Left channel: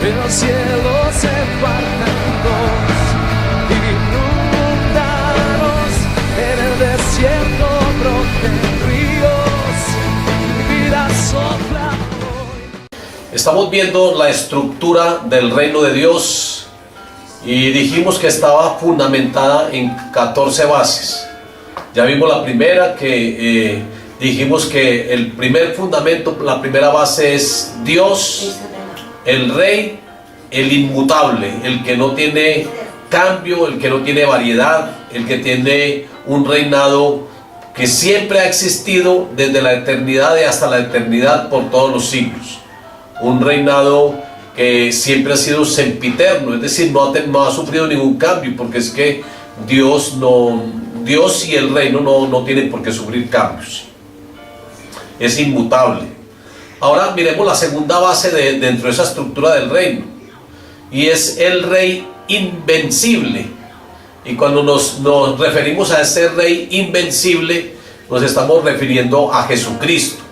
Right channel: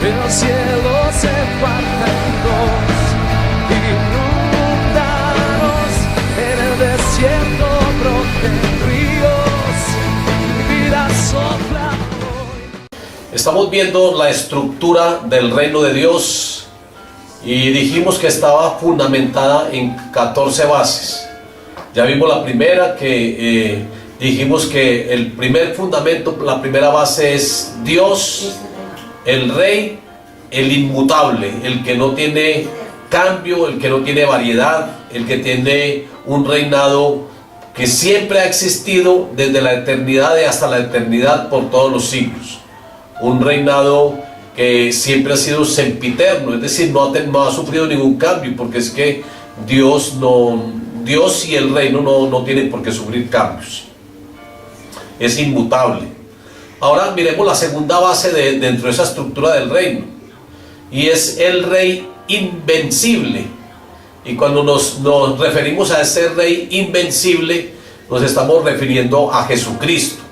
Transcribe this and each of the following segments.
el cielo se parta en dos, inundaros en el desierto, broten ríos, mi vida sopla hoy. Estamos viendo la estructura del reino de Dios y dijimos que estaba fundamentada en 14 bases. Ya vimos la primera, que dijimos que el primer fundamento, la primera base es Dios, el Rey, el inmutable, el que no tiene cambio, el que no tiene variedad, el que tiene un reinado que siempre ha existido desde la eternidad y hasta la eternidad por todos los siglos. Un reinado que siempre ha sido sempiterno, es decir, no ha sufrido ningún cambio, porque es que Dios y el reino no tienen por qué sufrir cambios. Es inmutable. Ahora miremos la segunda base dentro de esa estructura del reino, y es el Rey invencible. Y cuando nos referimos a ese Rey invencible, nos estamos refiriendo a Jesucristo.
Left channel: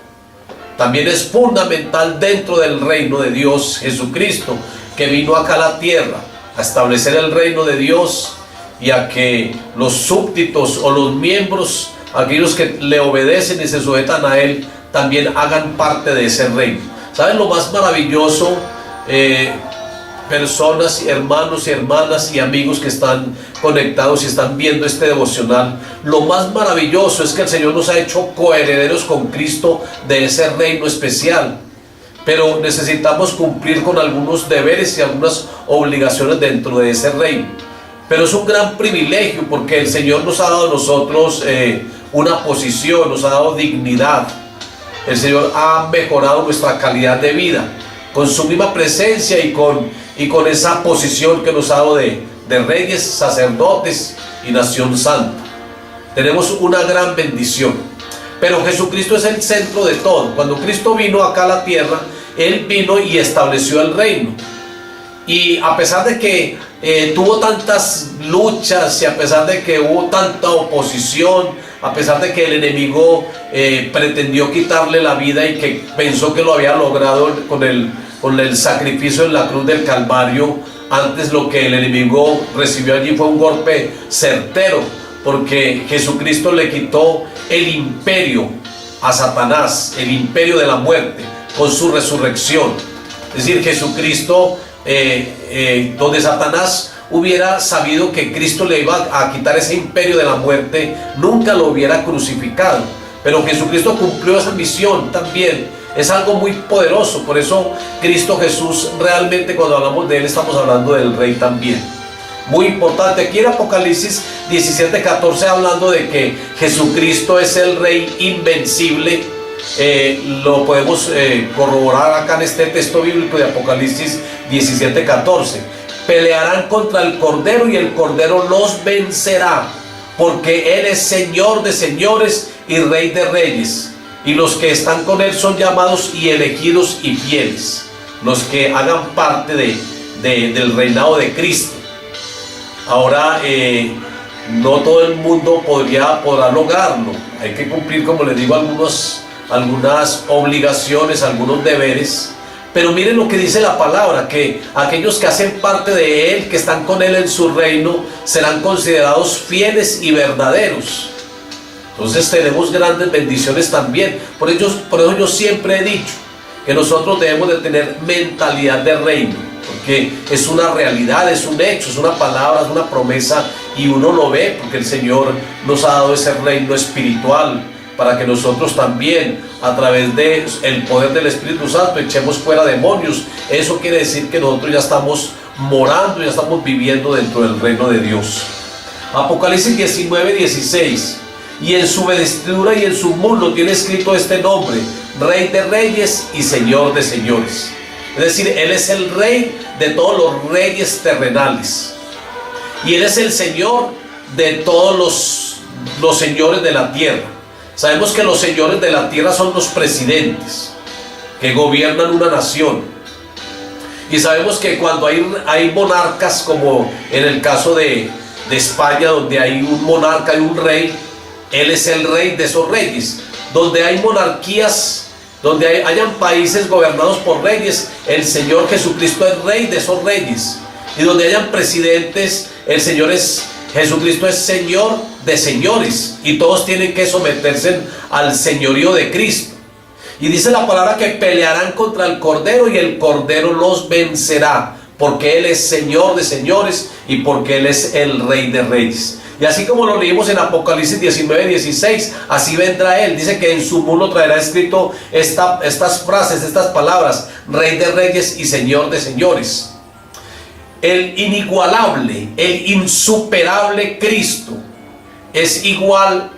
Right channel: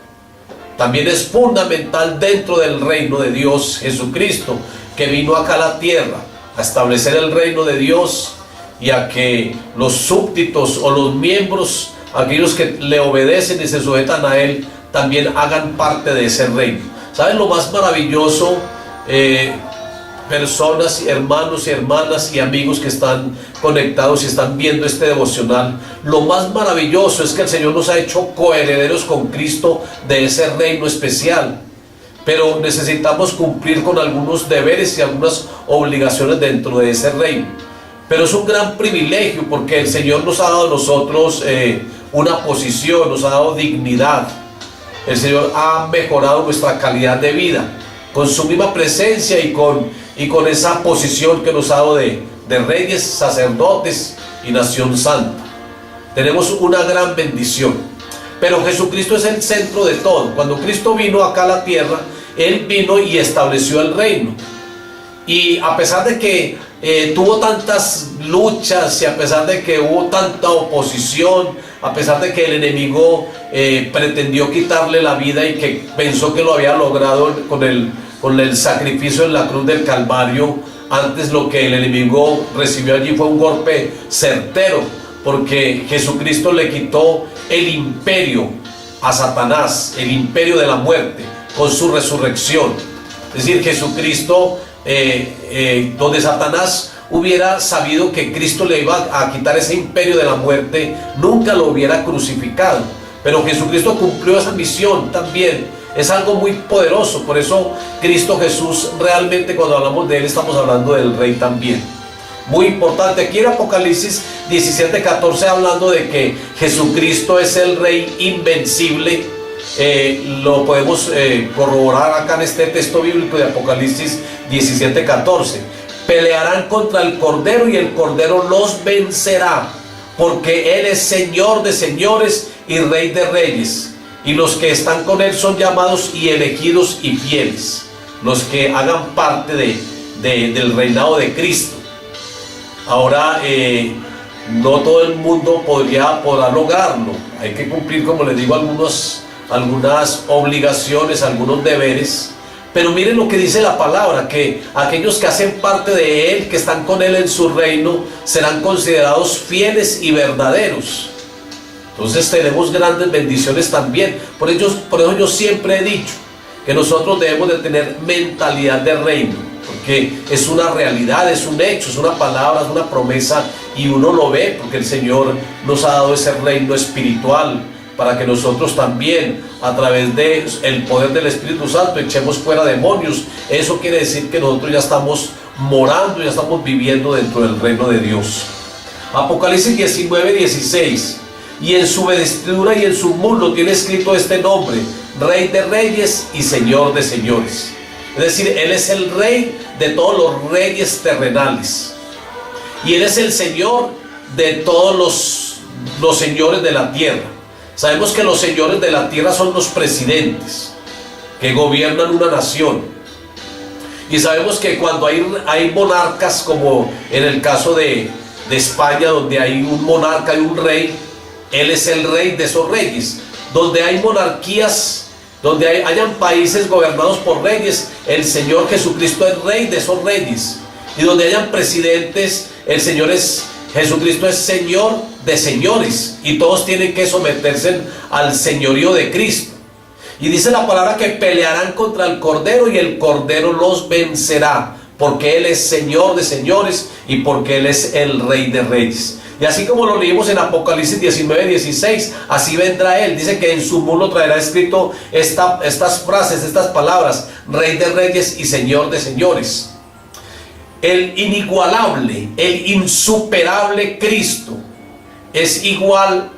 También es fundamental dentro del reino de Dios Jesucristo, que vino acá a la tierra a establecer el reino de Dios y a que los súbditos o los miembros, aquellos que le obedecen y se sujetan a Él, también hagan parte de ese reino. ¿Saben lo más maravilloso? Personas, hermanos y hermanas y amigos que están conectados y están viendo este devocional, lo más maravilloso es que el Señor nos ha hecho coherederos con Cristo de ese reino especial, pero necesitamos cumplir con algunos deberes y algunas obligaciones dentro de ese reino. Pero es un gran privilegio, porque el Señor nos ha dado a nosotros una posición, nos ha dado dignidad. El Señor ha mejorado nuestra calidad de vida con su misma presencia y con esa posición que nos ha dado de reyes, sacerdotes y nación santa. Tenemos una gran bendición. Pero Jesucristo es el centro de todo. Cuando Cristo vino acá a la tierra, Él vino y estableció el reino. Y a pesar de que tuvo tantas luchas, y a pesar de que hubo tanta oposición, a pesar de que el enemigo pretendió quitarle la vida y que pensó que lo había logrado con el sacrificio en la cruz del Calvario, antes lo que el enemigo recibió allí fue un golpe certero, porque Jesucristo le quitó el imperio a Satanás, el imperio de la muerte, con su resurrección. Es decir, Jesucristo, donde Satanás hubiera sabido que Cristo le iba a quitar ese imperio de la muerte, nunca lo hubiera crucificado. Pero Jesucristo cumplió esa misión también. Es algo muy poderoso. Por eso Cristo Jesús, realmente cuando hablamos de Él, estamos hablando del Rey también. Muy importante. Aquí en Apocalipsis 17:14, hablando de que Jesucristo es el Rey invencible. Lo podemos corroborar acá en este texto bíblico de Apocalipsis 17:14. Pelearán contra el Cordero y el Cordero los vencerá, porque Él es Señor de señores y Rey de reyes, y los que están con Él son llamados y elegidos y fieles, los que hagan parte del reinado de Cristo. Ahora, no todo el mundo podrá lograrlo. Hay que cumplir, como les digo, algunas obligaciones, algunos deberes. Pero miren lo que dice la palabra, que aquellos que hacen parte de Él, que están con Él en su reino, serán considerados fieles y verdaderos. Entonces tenemos grandes bendiciones también. Por eso yo siempre he dicho que nosotros debemos de tener mentalidad de reino, porque es una realidad, es un hecho, es una palabra, es una promesa, y uno lo ve porque el Señor nos ha dado ese reino espiritual para que nosotros también, a través del poder del Espíritu Santo, echemos fuera demonios. Eso quiere decir que nosotros ya estamos morando, ya estamos viviendo dentro del reino de Dios. Apocalipsis 19:16. Y en su vestidura y en su muslo tiene escrito este nombre: Rey de reyes y Señor de señores. Es decir, Él es el Rey de todos los reyes terrenales, y Él es el Señor de todos los señores de la tierra. Sabemos que los señores de la tierra son los presidentes que gobiernan una nación, y sabemos que cuando hay monarcas, como en el caso de España, donde hay un monarca y un rey, Él es el Rey de esos reyes. Donde hay monarquías, donde hayan países gobernados por reyes, el Señor Jesucristo es rey de esos reyes. Y donde hayan presidentes, Jesucristo es Señor de señores, y todos tienen que someterse al señorío de Cristo. Y dice la palabra que pelearán contra el Cordero y el Cordero los vencerá, porque Él es Señor de señores y porque Él es el Rey de reyes. Y así como lo leímos en Apocalipsis 19:16, así vendrá Él. Dice que en su muro traerá escrito estas frases, estas palabras: Rey de reyes y Señor de señores. El inigualable, el insuperable Cristo es igual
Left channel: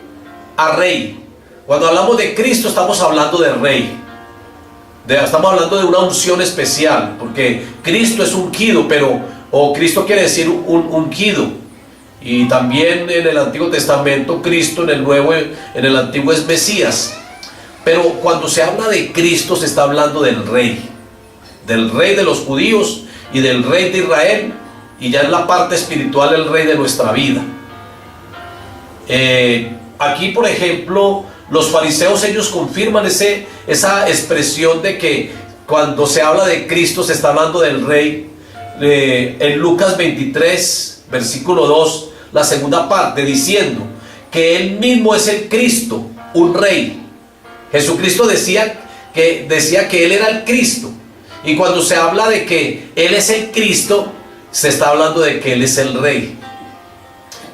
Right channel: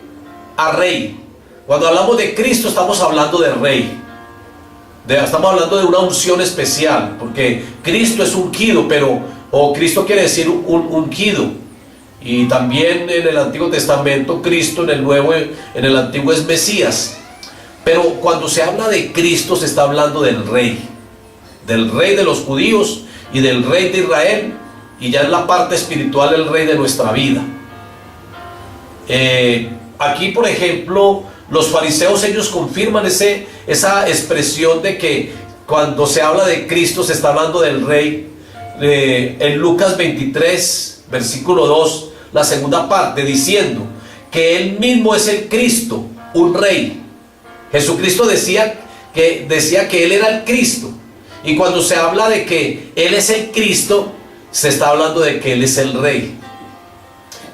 a Rey. Cuando hablamos de Cristo estamos hablando de Rey. Estamos hablando de una unción especial, porque Cristo es ungido, Cristo quiere decir un ungido. Y también en el Antiguo Testamento, Cristo en el Antiguo es Mesías. Pero cuando se habla de Cristo se está hablando del Rey de los judíos y del Rey de Israel, y ya en la parte espiritual el Rey de nuestra vida. Aquí, por ejemplo, los fariseos, ellos confirman esa expresión de que cuando se habla de Cristo se está hablando del Rey. En Lucas 23, versículo 2, la segunda parte, diciendo que Él mismo es el Cristo, un Rey. Jesucristo decía que Él era el Cristo. Y cuando se habla de que Él es el Cristo, se está hablando de que Él es el Rey.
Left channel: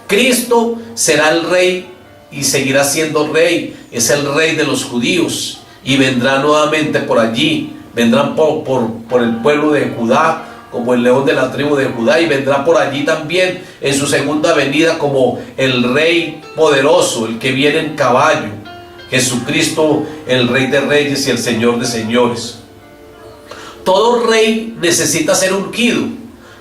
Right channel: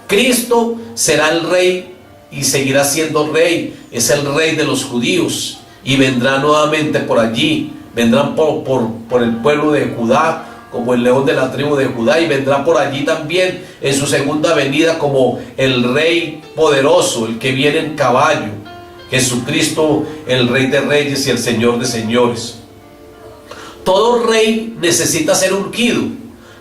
Cristo será el Rey y seguirá siendo Rey. Es el Rey de los judíos y vendrá nuevamente por allí. Vendrán por el pueblo de Judá como el león de la tribu de Judá, y vendrá por allí también en su segunda venida como el Rey poderoso, el que viene en caballo. Jesucristo, el Rey de reyes y el Señor de señores. Todo rey necesita ser ungido.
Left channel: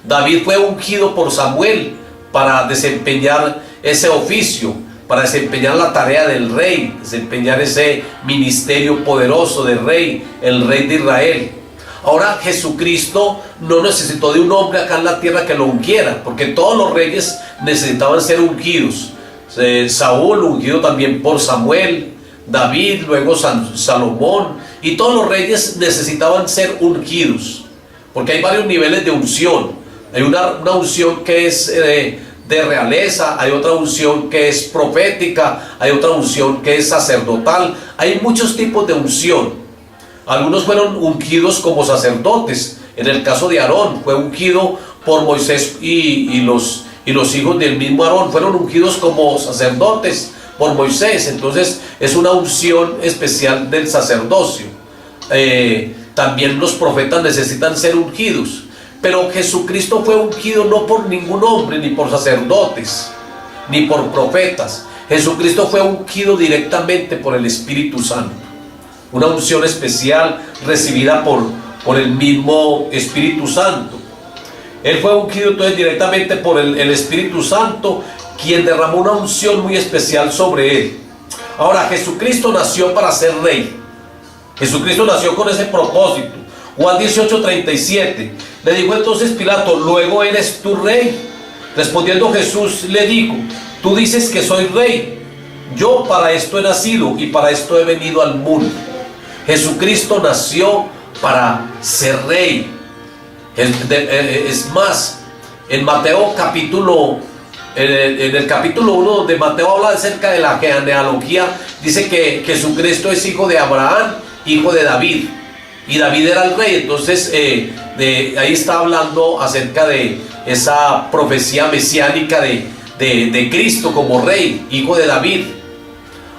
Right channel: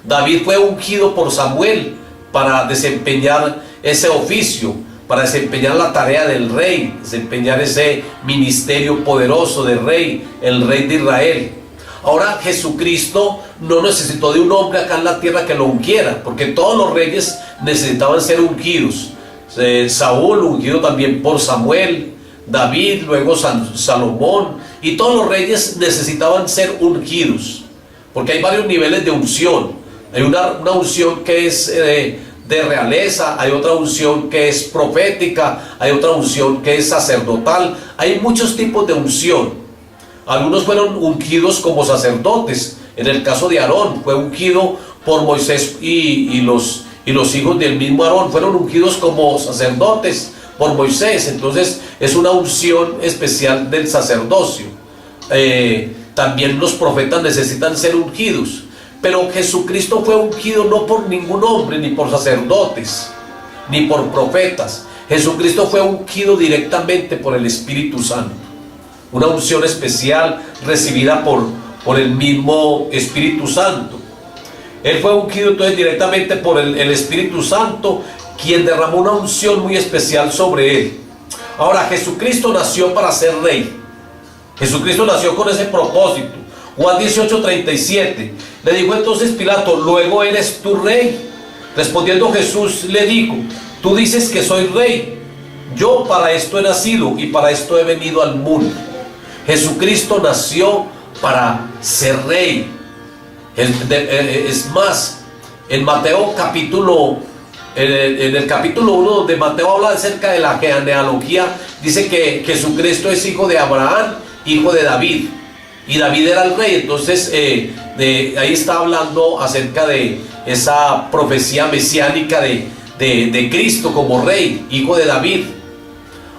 David fue ungido por Samuel para desempeñar ese oficio, para desempeñar la tarea del rey, desempeñar ese ministerio poderoso de rey, el Rey de Israel. Ahora, Jesucristo no necesitó de un hombre acá en la tierra que lo ungiera, porque todos los reyes necesitaban ser ungidos. Saúl, ungido también por Samuel, David, luego Salomón, y todos los reyes necesitaban ser ungidos, porque hay varios niveles de unción. Hay una unción que es de realeza, hay otra unción que es profética, hay otra unción que es sacerdotal. Hay muchos tipos de unción. Algunos fueron ungidos como sacerdotes. En el caso de Aarón, fue ungido por Moisés y los hijos del mismo Aarón fueron ungidos como sacerdotes por Moisés. Entonces es una unción especial del sacerdocio. También los profetas necesitan ser ungidos, pero Jesucristo fue ungido no por ningún hombre, ni por sacerdotes, ni por profetas. Jesucristo fue ungido directamente por el Espíritu Santo, una unción especial recibida por el mismo Espíritu Santo. Él fue ungido entonces directamente por el Espíritu Santo, quien derramó una unción muy especial sobre él. Ahora, Jesucristo nació para ser rey. Jesucristo nació con ese propósito. Juan 18:37. Le dijo entonces Pilato: ¿luego eres tú rey? Respondiendo Jesús le dijo: tú dices que soy rey. Yo para esto he nacido y para esto he venido al mundo. Jesucristo nació para ser rey. Es más, en Mateo en el capítulo 1, donde Mateo habla acerca de la genealogía, dice que Jesucristo es hijo de Abraham, hijo de David, y David era el rey. Entonces ahí está hablando acerca de esa profecía mesiánica de Cristo como rey, hijo de David.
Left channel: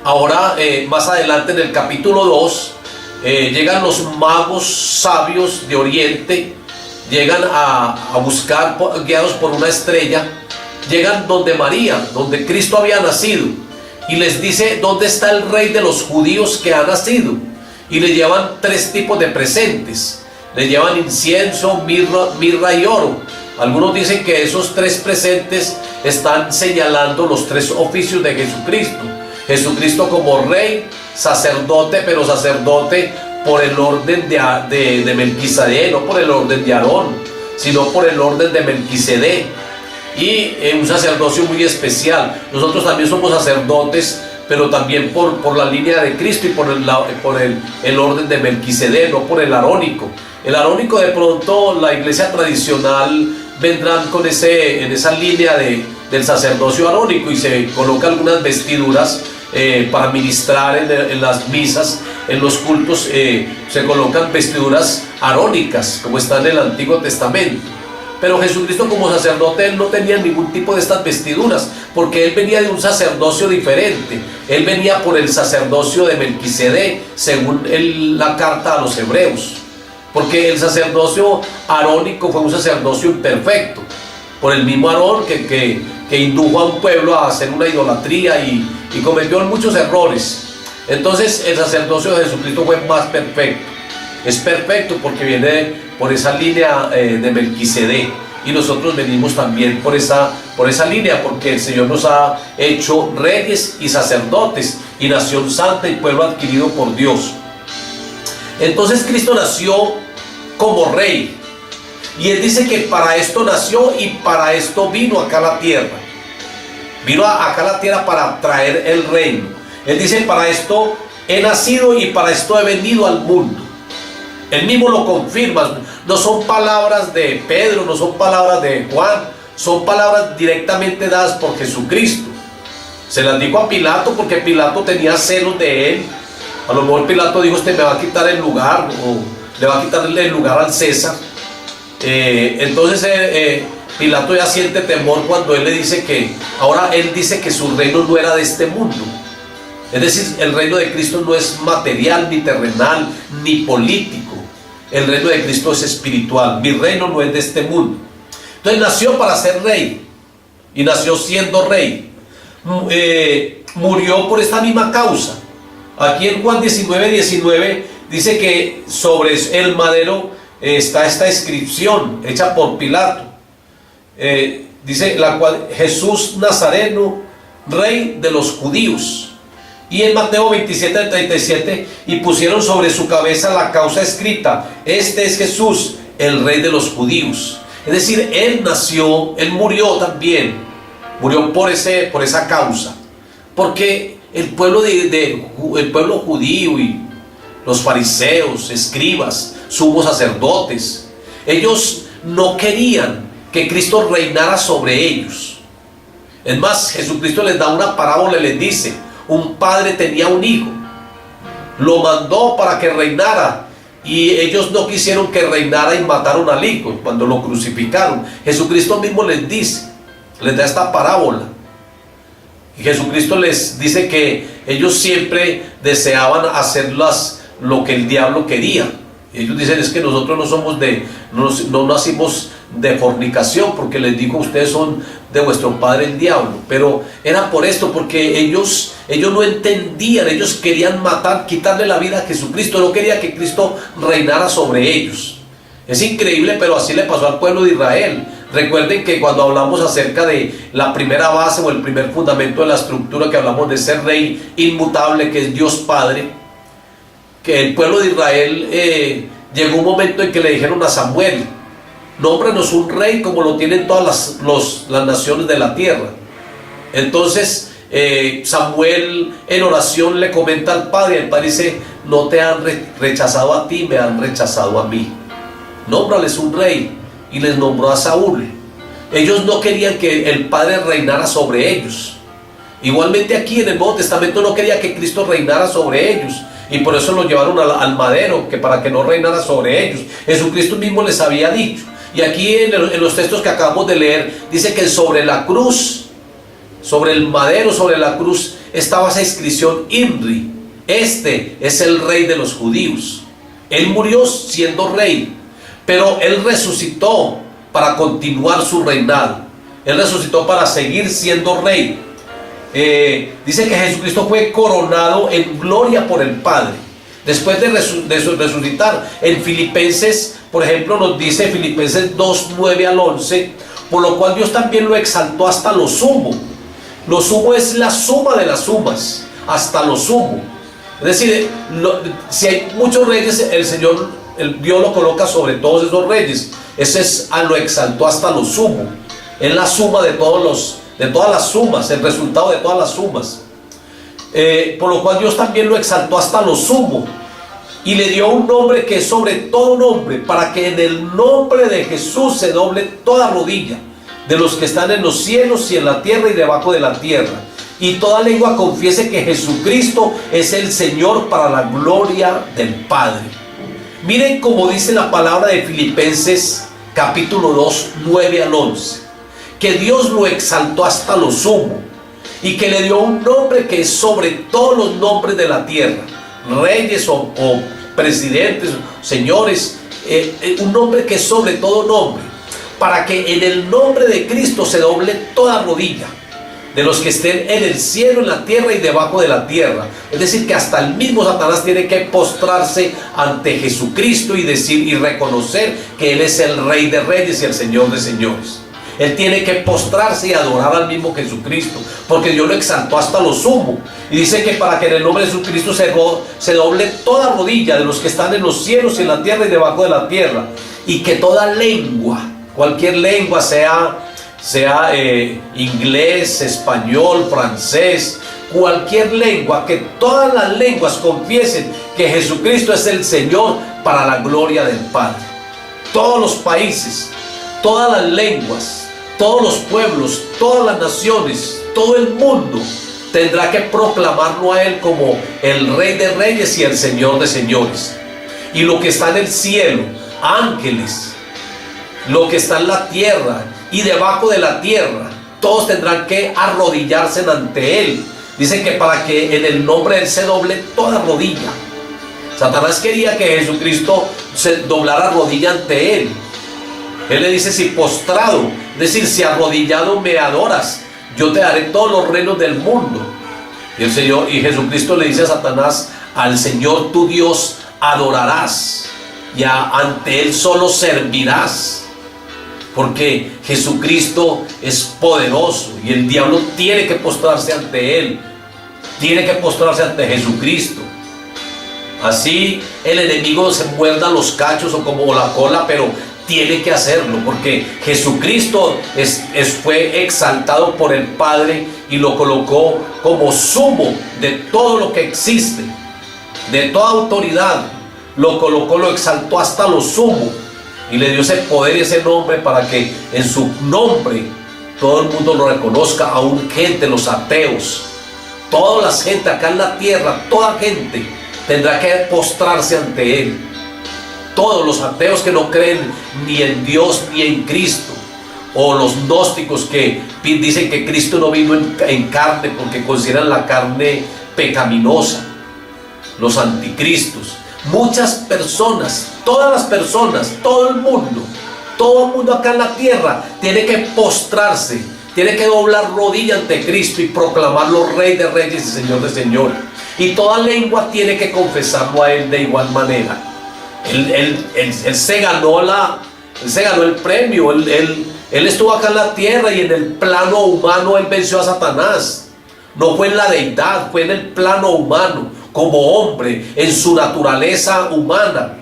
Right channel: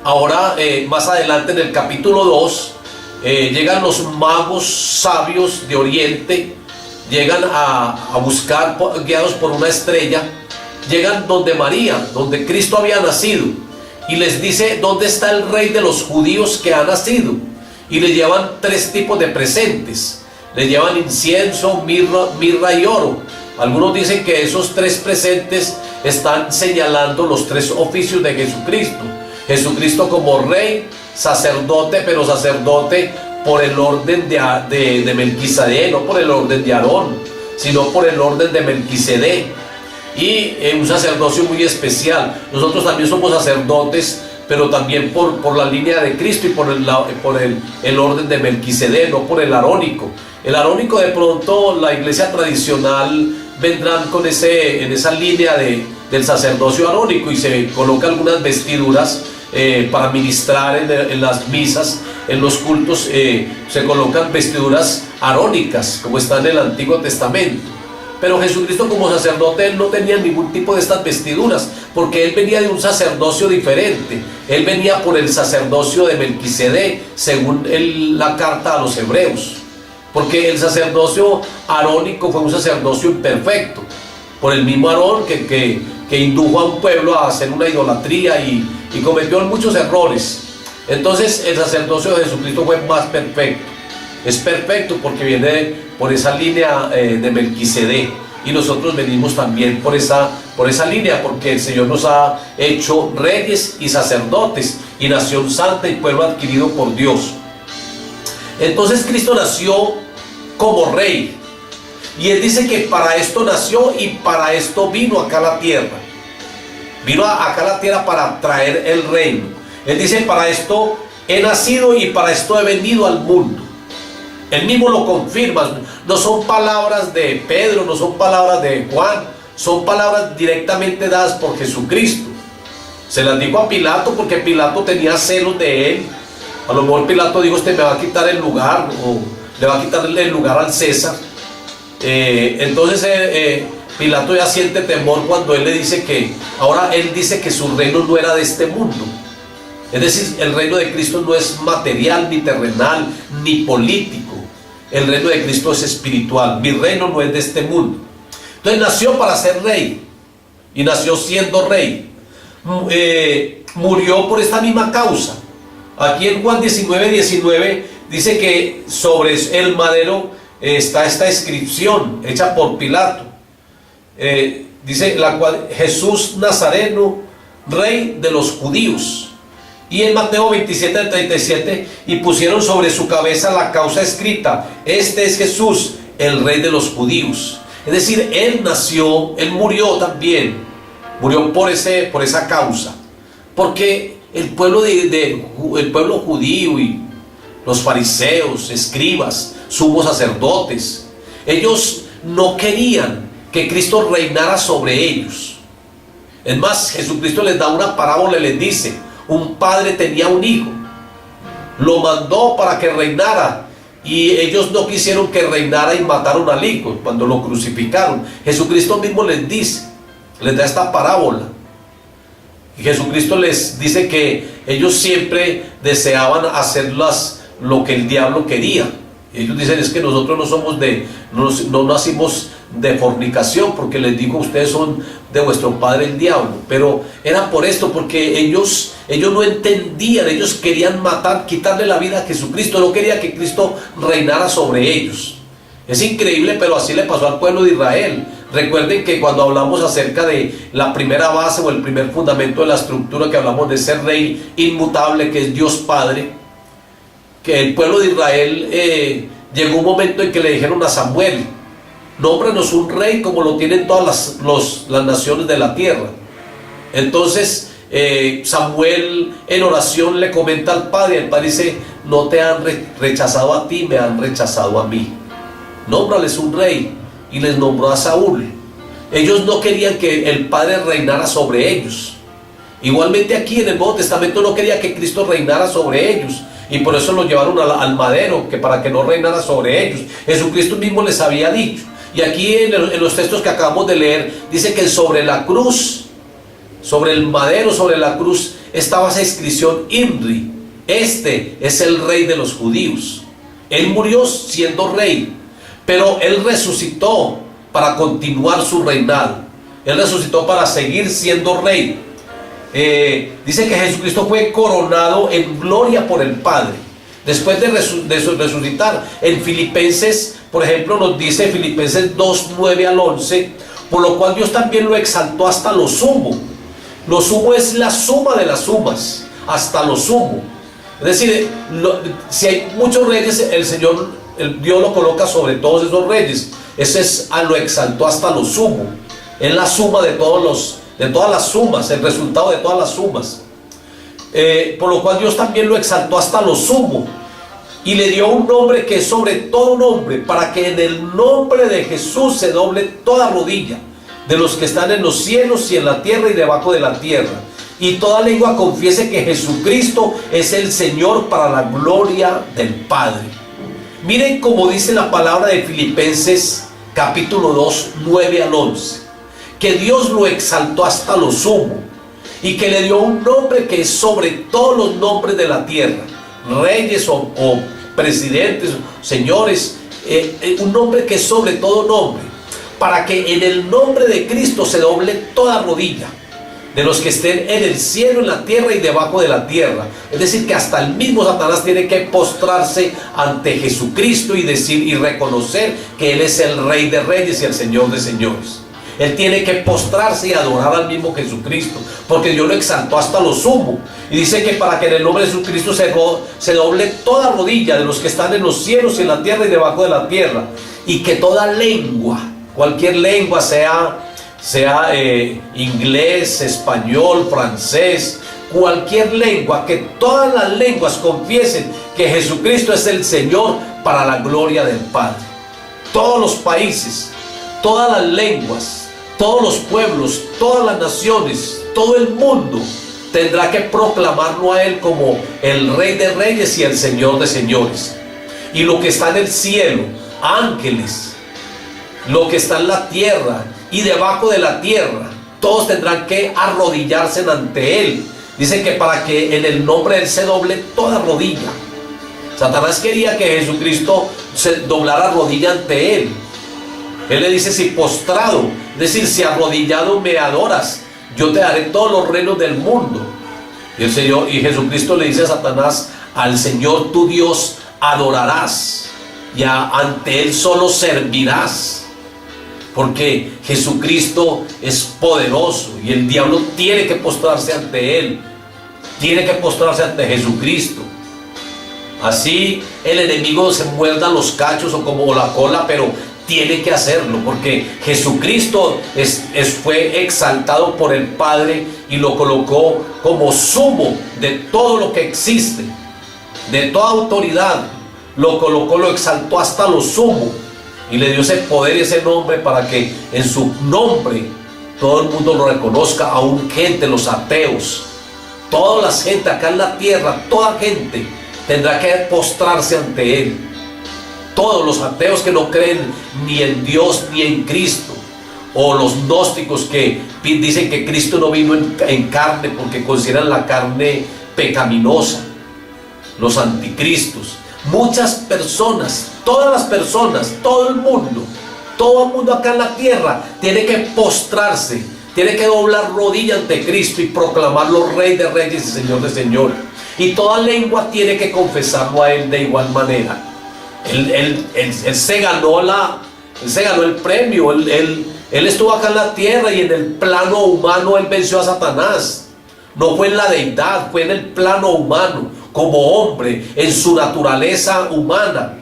Ahora más adelante en el capítulo 2 llegan los magos sabios de Oriente, llegan a buscar, guiados por una estrella, llegan donde María, donde Cristo había nacido, y les dice: ¿dónde está el rey de los judíos que ha nacido? Y le llevan 3 tipos de presentes. Le llevan incienso, mirra y oro. Algunos dicen que esos 3 presentes están señalando los 3 oficios de Jesucristo. Jesucristo como rey, sacerdote, pero sacerdote por el orden de Melquisedec, no por el orden de Aarón, sino por el orden de Melquisedec. Y un sacerdocio muy especial. Nosotros también somos sacerdotes pero también por la línea de Cristo y por el orden de Melquisedec, no por el arónico. El arónico, de pronto la iglesia tradicional vendrán en esa línea del sacerdocio arónico, y se colocan algunas vestiduras para ministrar en las misas, en los cultos, se colocan vestiduras arónicas como está en el Antiguo Testamento. Pero Jesucristo, como sacerdote, él no tenía ningún tipo de estas vestiduras, porque él venía de un sacerdocio diferente. Él venía por el sacerdocio de Melquisedec, según la carta a los hebreos, porque el sacerdocio arónico fue un sacerdocio imperfecto, por el mismo Aarón que indujo a un pueblo a hacer una idolatría y cometió muchos errores. Entonces el sacerdocio de Jesucristo fue más perfecto. Es perfecto porque viene por esa línea de Melquisedec, y nosotros venimos también por esa línea, porque el Señor nos ha hecho reyes y sacerdotes y nación santa y pueblo adquirido por Dios. Entonces Cristo nació como rey, y Él dice que para esto nació y para esto vino acá a la tierra. Vino acá a la tierra para traer el reino. Él dice: para esto he nacido y para esto he venido al mundo. Él mismo lo confirma. No son palabras de Pedro, no son palabras de Juan, son palabras directamente dadas por Jesucristo. Se las dijo a Pilato porque Pilato tenía celos de él. A lo mejor Pilato dijo: este me va a quitar el lugar, o le va a quitarle el lugar al César. Entonces Pilato ya siente temor cuando él le dice ahora él dice que su reino no era de este mundo. Es decir, el reino de Cristo no es material, ni terrenal, ni político. El reino de Cristo es espiritual. Mi reino no es de este mundo. Entonces nació para ser rey, y nació siendo rey. Murió por esta misma causa. Aquí en Juan 19:19 dice que sobre el madero está esta inscripción hecha por Pilato. Dice la cual: Jesús Nazareno, rey de los judíos. Y en Mateo 27:37, y pusieron sobre su cabeza la causa escrita: este es Jesús, el rey de los judíos. Es decir, él nació, él murió también, murió por esa causa, porque el pueblo judío y los fariseos, escribas, sumos sacerdotes, ellos no querían que Cristo reinara sobre ellos. Es más, Jesucristo les da una parábola y les dice: un padre tenía un hijo, lo mandó para que reinara, y ellos no quisieron que reinara y mataron al hijo cuando lo crucificaron. Jesucristo mismo les dice, les da esta parábola, y Jesucristo les dice que ellos siempre deseaban hacer lo que el diablo quería. Ellos dicen: es que nosotros no nacimos de fornicación, porque les digo, ustedes son de vuestro padre el diablo. Pero era por esto, porque ellos no entendían, ellos querían matar, quitarle la vida a Jesucristo, no quería que Cristo reinara sobre ellos. Es increíble, pero así le pasó al pueblo de Israel. Recuerden que cuando hablamos acerca de la primera base o el primer fundamento de la estructura, que hablamos de ese rey inmutable que es Dios Padre, que el pueblo de Israel llegó un momento en que le dijeron a Samuel: nómbranos un rey como lo tienen todas las naciones de la tierra. Entonces Samuel en oración le comenta al padre, el padre dice: no te han rechazado a ti, me han rechazado a mí. Nómbrales un rey, y les nombró a Saúl. Ellos no querían que el Padre reinara sobre ellos. Igualmente aquí en el Nuevo Testamento no quería que Cristo reinara sobre ellos, y por eso lo llevaron al madero, que para que no reinara sobre ellos. Jesucristo mismo les había dicho. Y aquí en los textos que acabamos de leer, dice que sobre la cruz, sobre el madero, sobre la cruz, estaba esa inscripción: INRI, este es el rey de los judíos. Él murió siendo rey, pero él resucitó para continuar su reinado. Él resucitó para seguir siendo rey. Dice que Jesucristo fue coronado en gloria por el Padre después de resucitar. En Filipenses, por ejemplo, nos dice Filipenses 2:9 al 11: por lo cual Dios también lo exaltó hasta lo sumo. Lo sumo es la suma de las sumas, hasta lo sumo. Es decir, si hay muchos reyes, Dios lo coloca sobre todos esos reyes. Ese es lo exaltó hasta lo sumo. Es la suma de todas las sumas, el resultado de todas las sumas. por lo cual Dios también lo exaltó hasta lo sumo y le dio un nombre que es sobre todo nombre, para que en el nombre de Jesús se doble toda rodilla de los que están en los cielos y en la tierra y debajo de la tierra, y toda lengua confiese que Jesucristo es el Señor, para la gloria del Padre. Miren cómo dice la palabra de Filipenses capítulo 2, 9 al 11, que Dios lo exaltó hasta lo sumo y que le dio un nombre que es sobre todos los nombres de la tierra, reyes o presidentes, señores, un nombre que es sobre todo nombre, para que en el nombre de Cristo se doble toda rodilla de los que estén en el cielo, en la tierra y debajo de la tierra. Es decir, que hasta el mismo Satanás tiene que postrarse ante Jesucristo y decir y reconocer que Él es el Rey de Reyes y el Señor de Señores. Él tiene que postrarse y adorar al mismo Jesucristo, porque Dios lo exaltó hasta lo sumo. Y dice que para que en el nombre de Jesucristo se doble toda rodilla de los que están en los cielos y en la tierra y debajo de la tierra, y que toda lengua, cualquier lengua, sea inglés, español, francés, cualquier lengua, que todas las lenguas confiesen que Jesucristo es el Señor, para la gloria del Padre. Todos los países, todas las lenguas, todos los pueblos, todas las naciones, todo el mundo tendrá que proclamarlo a Él como el Rey de Reyes y el Señor de Señores. Y lo que está en el cielo, ángeles, lo que está en la tierra y debajo de la tierra, todos tendrán que arrodillarse ante Él. Dice que para que en el nombre de Él se doble toda rodilla. Satanás quería que Jesucristo se doblara rodilla ante Él. Él le dice: si postrado, es decir, si arrodillado me adoras, yo te daré todos los reinos del mundo. Y el Señor, y Jesucristo le dice a Satanás: al Señor tu Dios adorarás, y ante Él solo servirás. Porque Jesucristo es poderoso y el diablo tiene que postrarse ante Él, tiene que postrarse ante Jesucristo. Así el enemigo se muerda los cachos o como la cola, pero tiene que hacerlo, porque Jesucristo fue exaltado por el Padre y lo colocó como sumo de todo lo que existe, de toda autoridad. Lo colocó, lo exaltó hasta lo sumo y le dio ese poder y ese nombre, para que en su nombre todo el mundo lo reconozca, aún gente, los ateos, toda la gente acá en la tierra, toda gente tendrá que postrarse ante Él. Todos los ateos que no creen ni en Dios ni en Cristo, o los gnósticos que dicen que Cristo no vino en carne porque consideran la carne pecaminosa, los anticristos. Muchas personas, todas las personas, todo el mundo acá en la tierra tiene que postrarse, tiene que doblar rodilla ante Cristo y proclamarlo Rey de Reyes y Señor de Señores. Y toda lengua tiene que confesarlo a Él de igual manera. Él se ganó el premio. Él estuvo acá en la tierra y en el plano humano Él venció a Satanás. No fue en la deidad, fue en el plano humano, como hombre, en su naturaleza humana.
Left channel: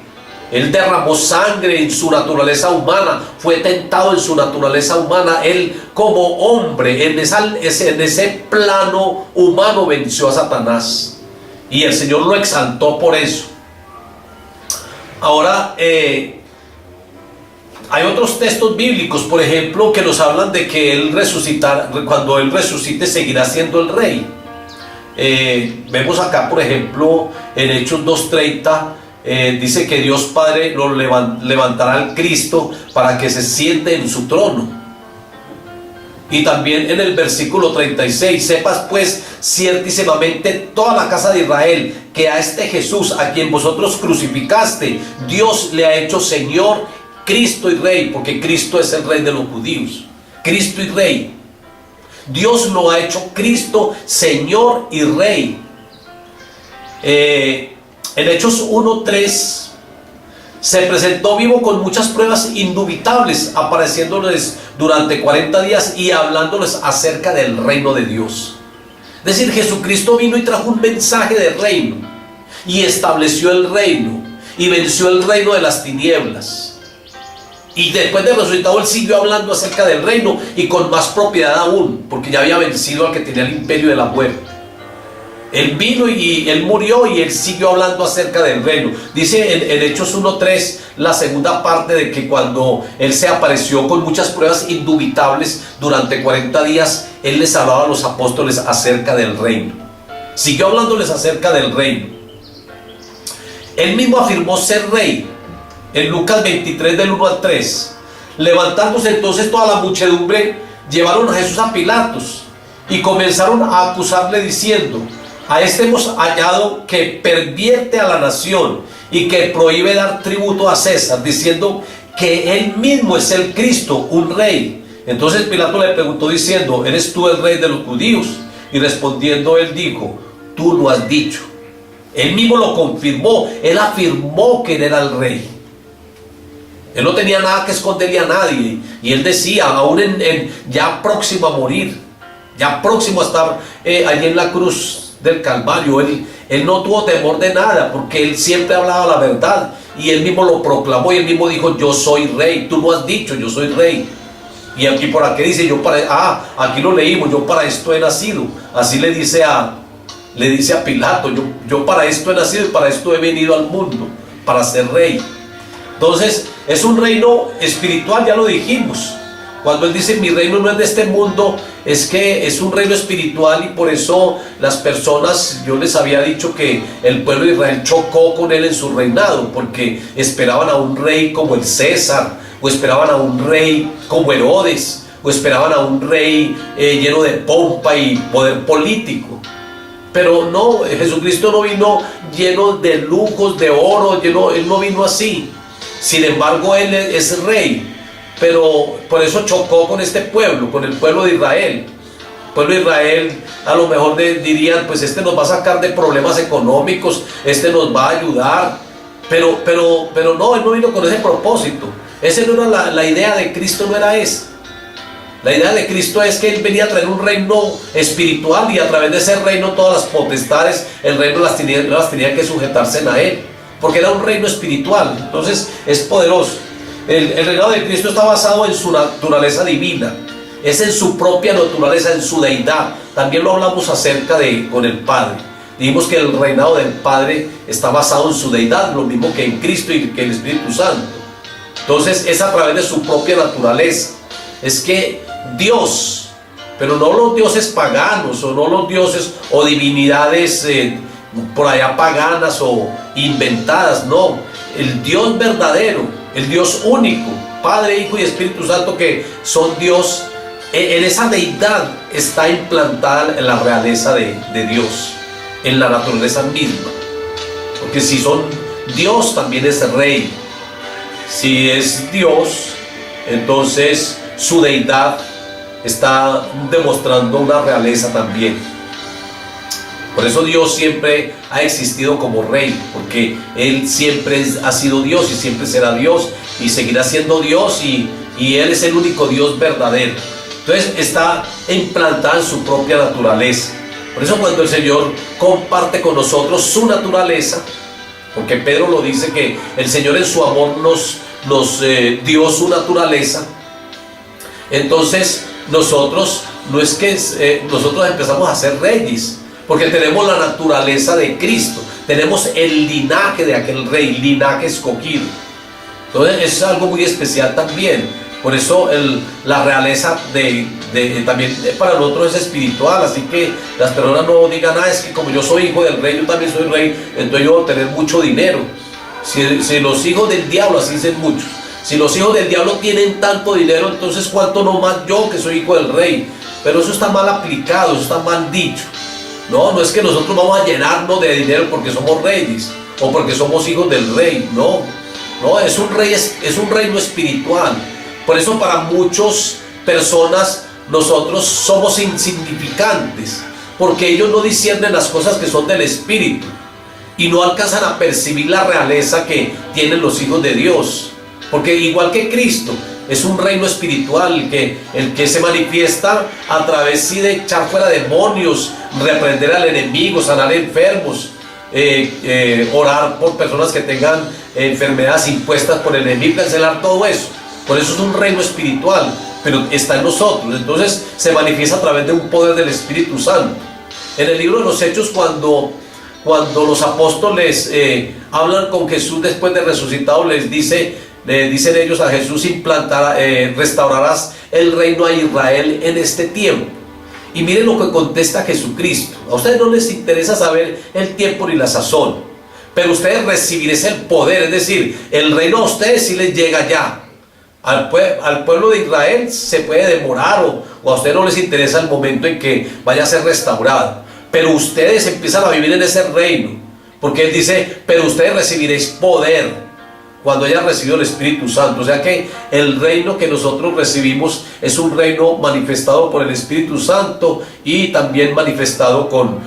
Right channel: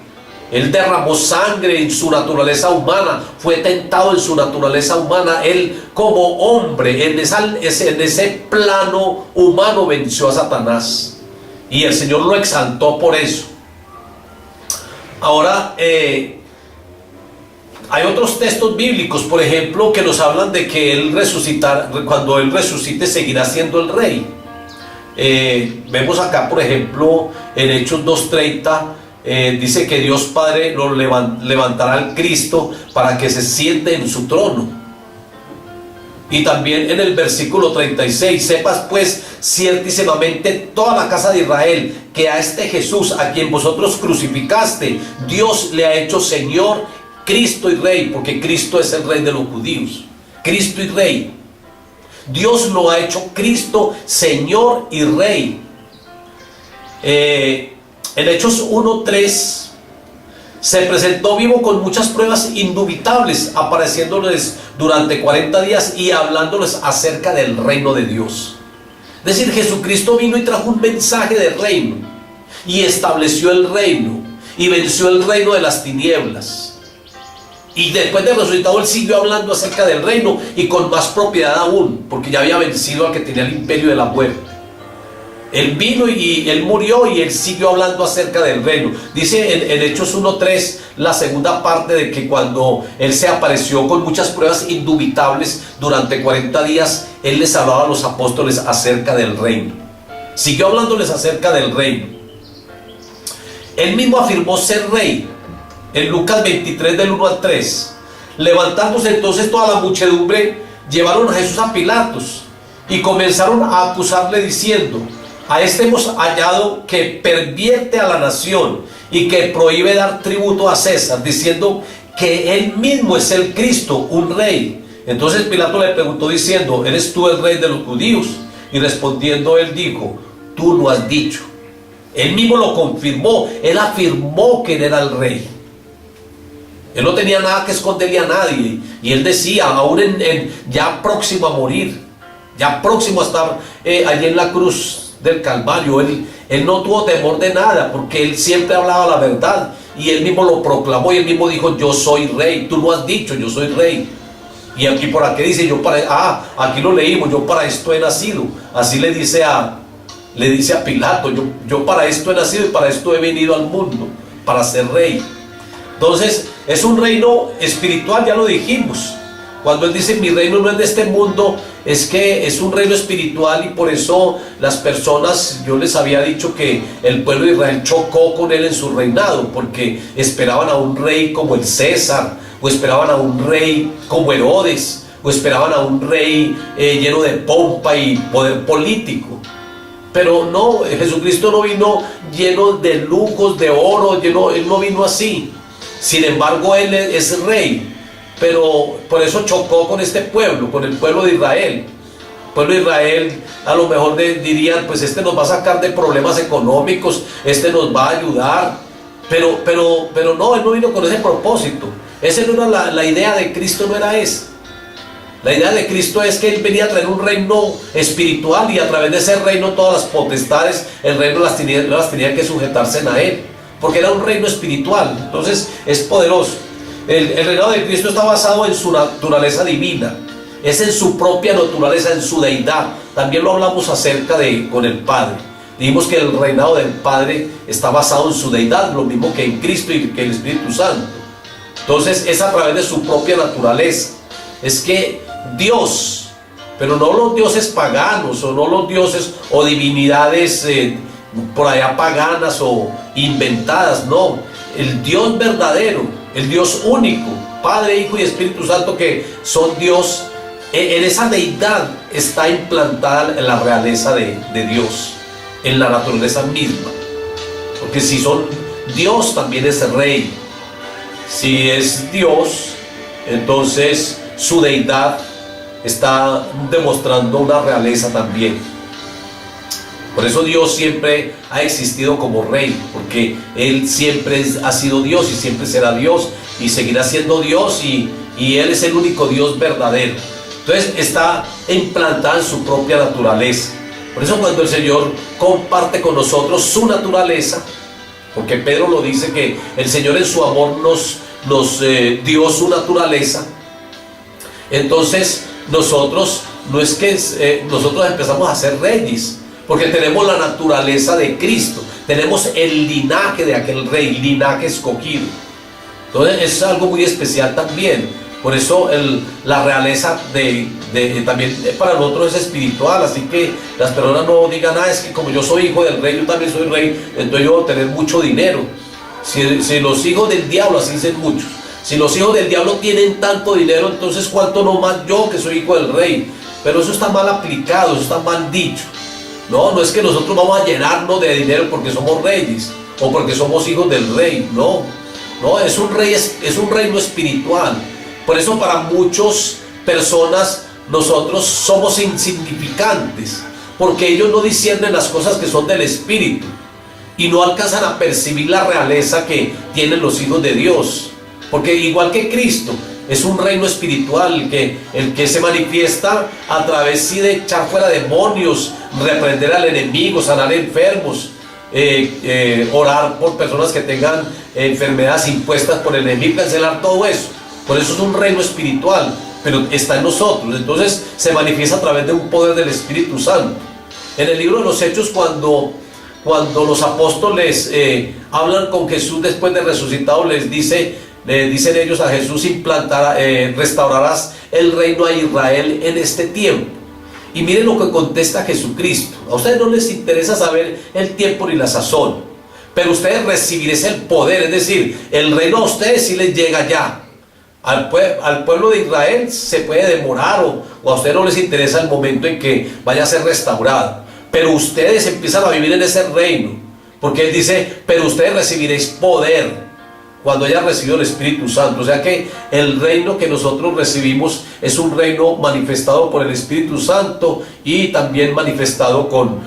Él derramó sangre en su naturaleza humana, fue tentado en su naturaleza humana. Él como hombre, en ese plano humano, venció a Satanás. Y el Señor lo exaltó por eso. Ahora, hay otros textos bíblicos, por ejemplo, que nos hablan de que cuando Él resucite seguirá siendo el Rey. Vemos acá, por ejemplo, en Hechos 2:30, dice que Dios Padre lo levantará al Cristo para que se siente en su trono. Y también en el versículo 36, sepas pues ciertísimamente toda la casa de Israel, que a este Jesús, a quien vosotros crucificaste, Dios le ha hecho Señor, Cristo y Rey, porque Cristo es el Rey de los judíos. Cristo y Rey. Dios lo ha hecho Cristo, Señor y Rey. En Hechos 1:3 se presentó vivo con muchas pruebas indubitables, apareciéndoles durante 40 días y hablándoles acerca del reino de Dios. Es decir, Jesucristo vino y trajo un mensaje de reino y estableció el reino y venció el reino de las tinieblas. Y después de resucitado Él siguió hablando acerca del reino, y con más propiedad aún, porque ya había vencido al que tenía el imperio de la muerte. Él vino y Él murió y Él siguió hablando acerca del reino. Dice en Hechos 1:3, la segunda parte, de que cuando Él se apareció con muchas pruebas indubitables durante 40 días, Él les hablaba a los apóstoles acerca del reino. Siguió hablándoles acerca del reino. Él mismo afirmó ser rey en Lucas 23 del 1 al 3. Levantándose entonces toda la muchedumbre, llevaron a Jesús a Pilatos y comenzaron a acusarle diciendo: a este hemos hallado que pervierte a la nación y que prohíbe dar tributo a César, diciendo que él mismo es el Cristo, un rey. Entonces Pilato le preguntó diciendo: ¿eres tú el rey de los judíos? Y respondiendo él dijo: tú lo has dicho. Él mismo lo confirmó, él afirmó que él era el rey. Él no tenía nada que esconderle a nadie. Y él decía, aún ya próximo a morir, ya próximo a estar allí en la cruz del Calvario, él no tuvo temor de nada, porque él siempre hablaba la verdad. Y él mismo lo proclamó y él mismo dijo: yo soy rey. Tú lo has dicho, yo soy rey. Y aquí por aquí dice, aquí lo leímos: yo para esto he nacido. Así le dice a Pilato: yo para esto he nacido y para esto he venido al mundo, para ser rey. Entonces es un reino espiritual, ya lo dijimos. Cuando él dice: mi reino no es de este mundo, es que es un reino espiritual. Y por eso las personas, yo les había dicho que el pueblo de Israel chocó con él en su reinado, porque esperaban a un rey como el César, o esperaban a un rey como Herodes, o esperaban a un rey lleno de pompa y poder político. Pero no, Jesucristo no vino lleno de lujos, de oro, él no vino así. Sin embargo, él es rey. Pero por eso chocó con este pueblo, con el pueblo de Israel. El pueblo de Israel a lo mejor dirían: pues este nos va a sacar de problemas económicos, este nos va a ayudar. Pero no, él no vino con ese propósito. Esa no era la idea de Cristo, no era esa. La idea de Cristo es que él venía a traer un reino espiritual, y a través de ese reino todas las potestades, el reino las tenía que sujetarse a él, porque era un reino espiritual. Entonces es poderoso. El reinado de Cristo está basado en su naturaleza divina, es en su propia naturaleza, en su deidad. También lo hablamos acerca con el Padre. Dijimos que el reinado del Padre está basado en su deidad, lo mismo que en Cristo y que el Espíritu Santo. Entonces es a través de su propia naturaleza. Es que Dios, pero no los dioses paganos, o no los dioses o divinidades por allá paganas o inventadas, no. El Dios verdadero, el Dios único, Padre, Hijo y Espíritu Santo, que son Dios. En esa deidad está implantada la realeza de Dios, en la naturaleza misma. Porque si son Dios, también es rey. Si es Dios, entonces su deidad está demostrando una realeza también. Por eso Dios siempre ha existido como rey, porque Él siempre ha sido Dios y siempre será Dios y seguirá siendo Dios, y Él es el único Dios verdadero. Entonces está implantada en su propia naturaleza. Por eso cuando el Señor comparte con nosotros su naturaleza, porque Pedro lo dice, que el Señor en su amor nos dio su naturaleza. Entonces nosotros no es que nosotros empezamos a ser reyes, porque tenemos la naturaleza de Cristo, tenemos el linaje de aquel rey, linaje escogido. Entonces es algo muy especial también. Por eso la realeza también para nosotros es espiritual. Así que las personas no digan: es que como yo soy hijo del rey, yo también soy rey, entonces yo voy a tener mucho dinero. Si los hijos del diablo, así dicen muchos, si los hijos del diablo tienen tanto dinero, entonces cuánto no más yo, que soy hijo del rey. Pero eso está mal aplicado, eso está mal dicho. No es que nosotros vamos a llenarnos de dinero porque somos reyes o porque somos hijos del rey. No, es un reino espiritual. Por eso para muchas personas nosotros somos insignificantes, porque ellos no disciernen las cosas que son del Espíritu y no alcanzan a percibir la realeza que tienen los hijos de Dios. Porque igual que Cristo, es un reino espiritual el que se manifiesta a través de echar fuera demonios, reprender al enemigo, sanar enfermos, orar por personas que tengan enfermedades impuestas por el enemigo, cancelar todo eso. Por eso es un reino espiritual, pero está en nosotros. Entonces se manifiesta a través de un poder del Espíritu Santo. En el libro de los Hechos, cuando los apóstoles hablan con Jesús después de resucitado, le dicen ellos a Jesús: restaurarás el reino a Israel en este tiempo. Y miren lo que contesta Jesucristo: a ustedes no les interesa saber el tiempo ni la sazón, pero ustedes recibiréis el poder. Es decir, el reino a ustedes sí les llega ya. Al pueblo de Israel se puede demorar, o a ustedes no les interesa el momento en que vaya a ser restaurado, pero ustedes empiezan a vivir en ese reino, porque Él dice: pero ustedes recibiréis poder cuando hayan recibido el Espíritu Santo. O sea que el reino que nosotros recibimos es un reino manifestado por el Espíritu Santo, y también manifestado con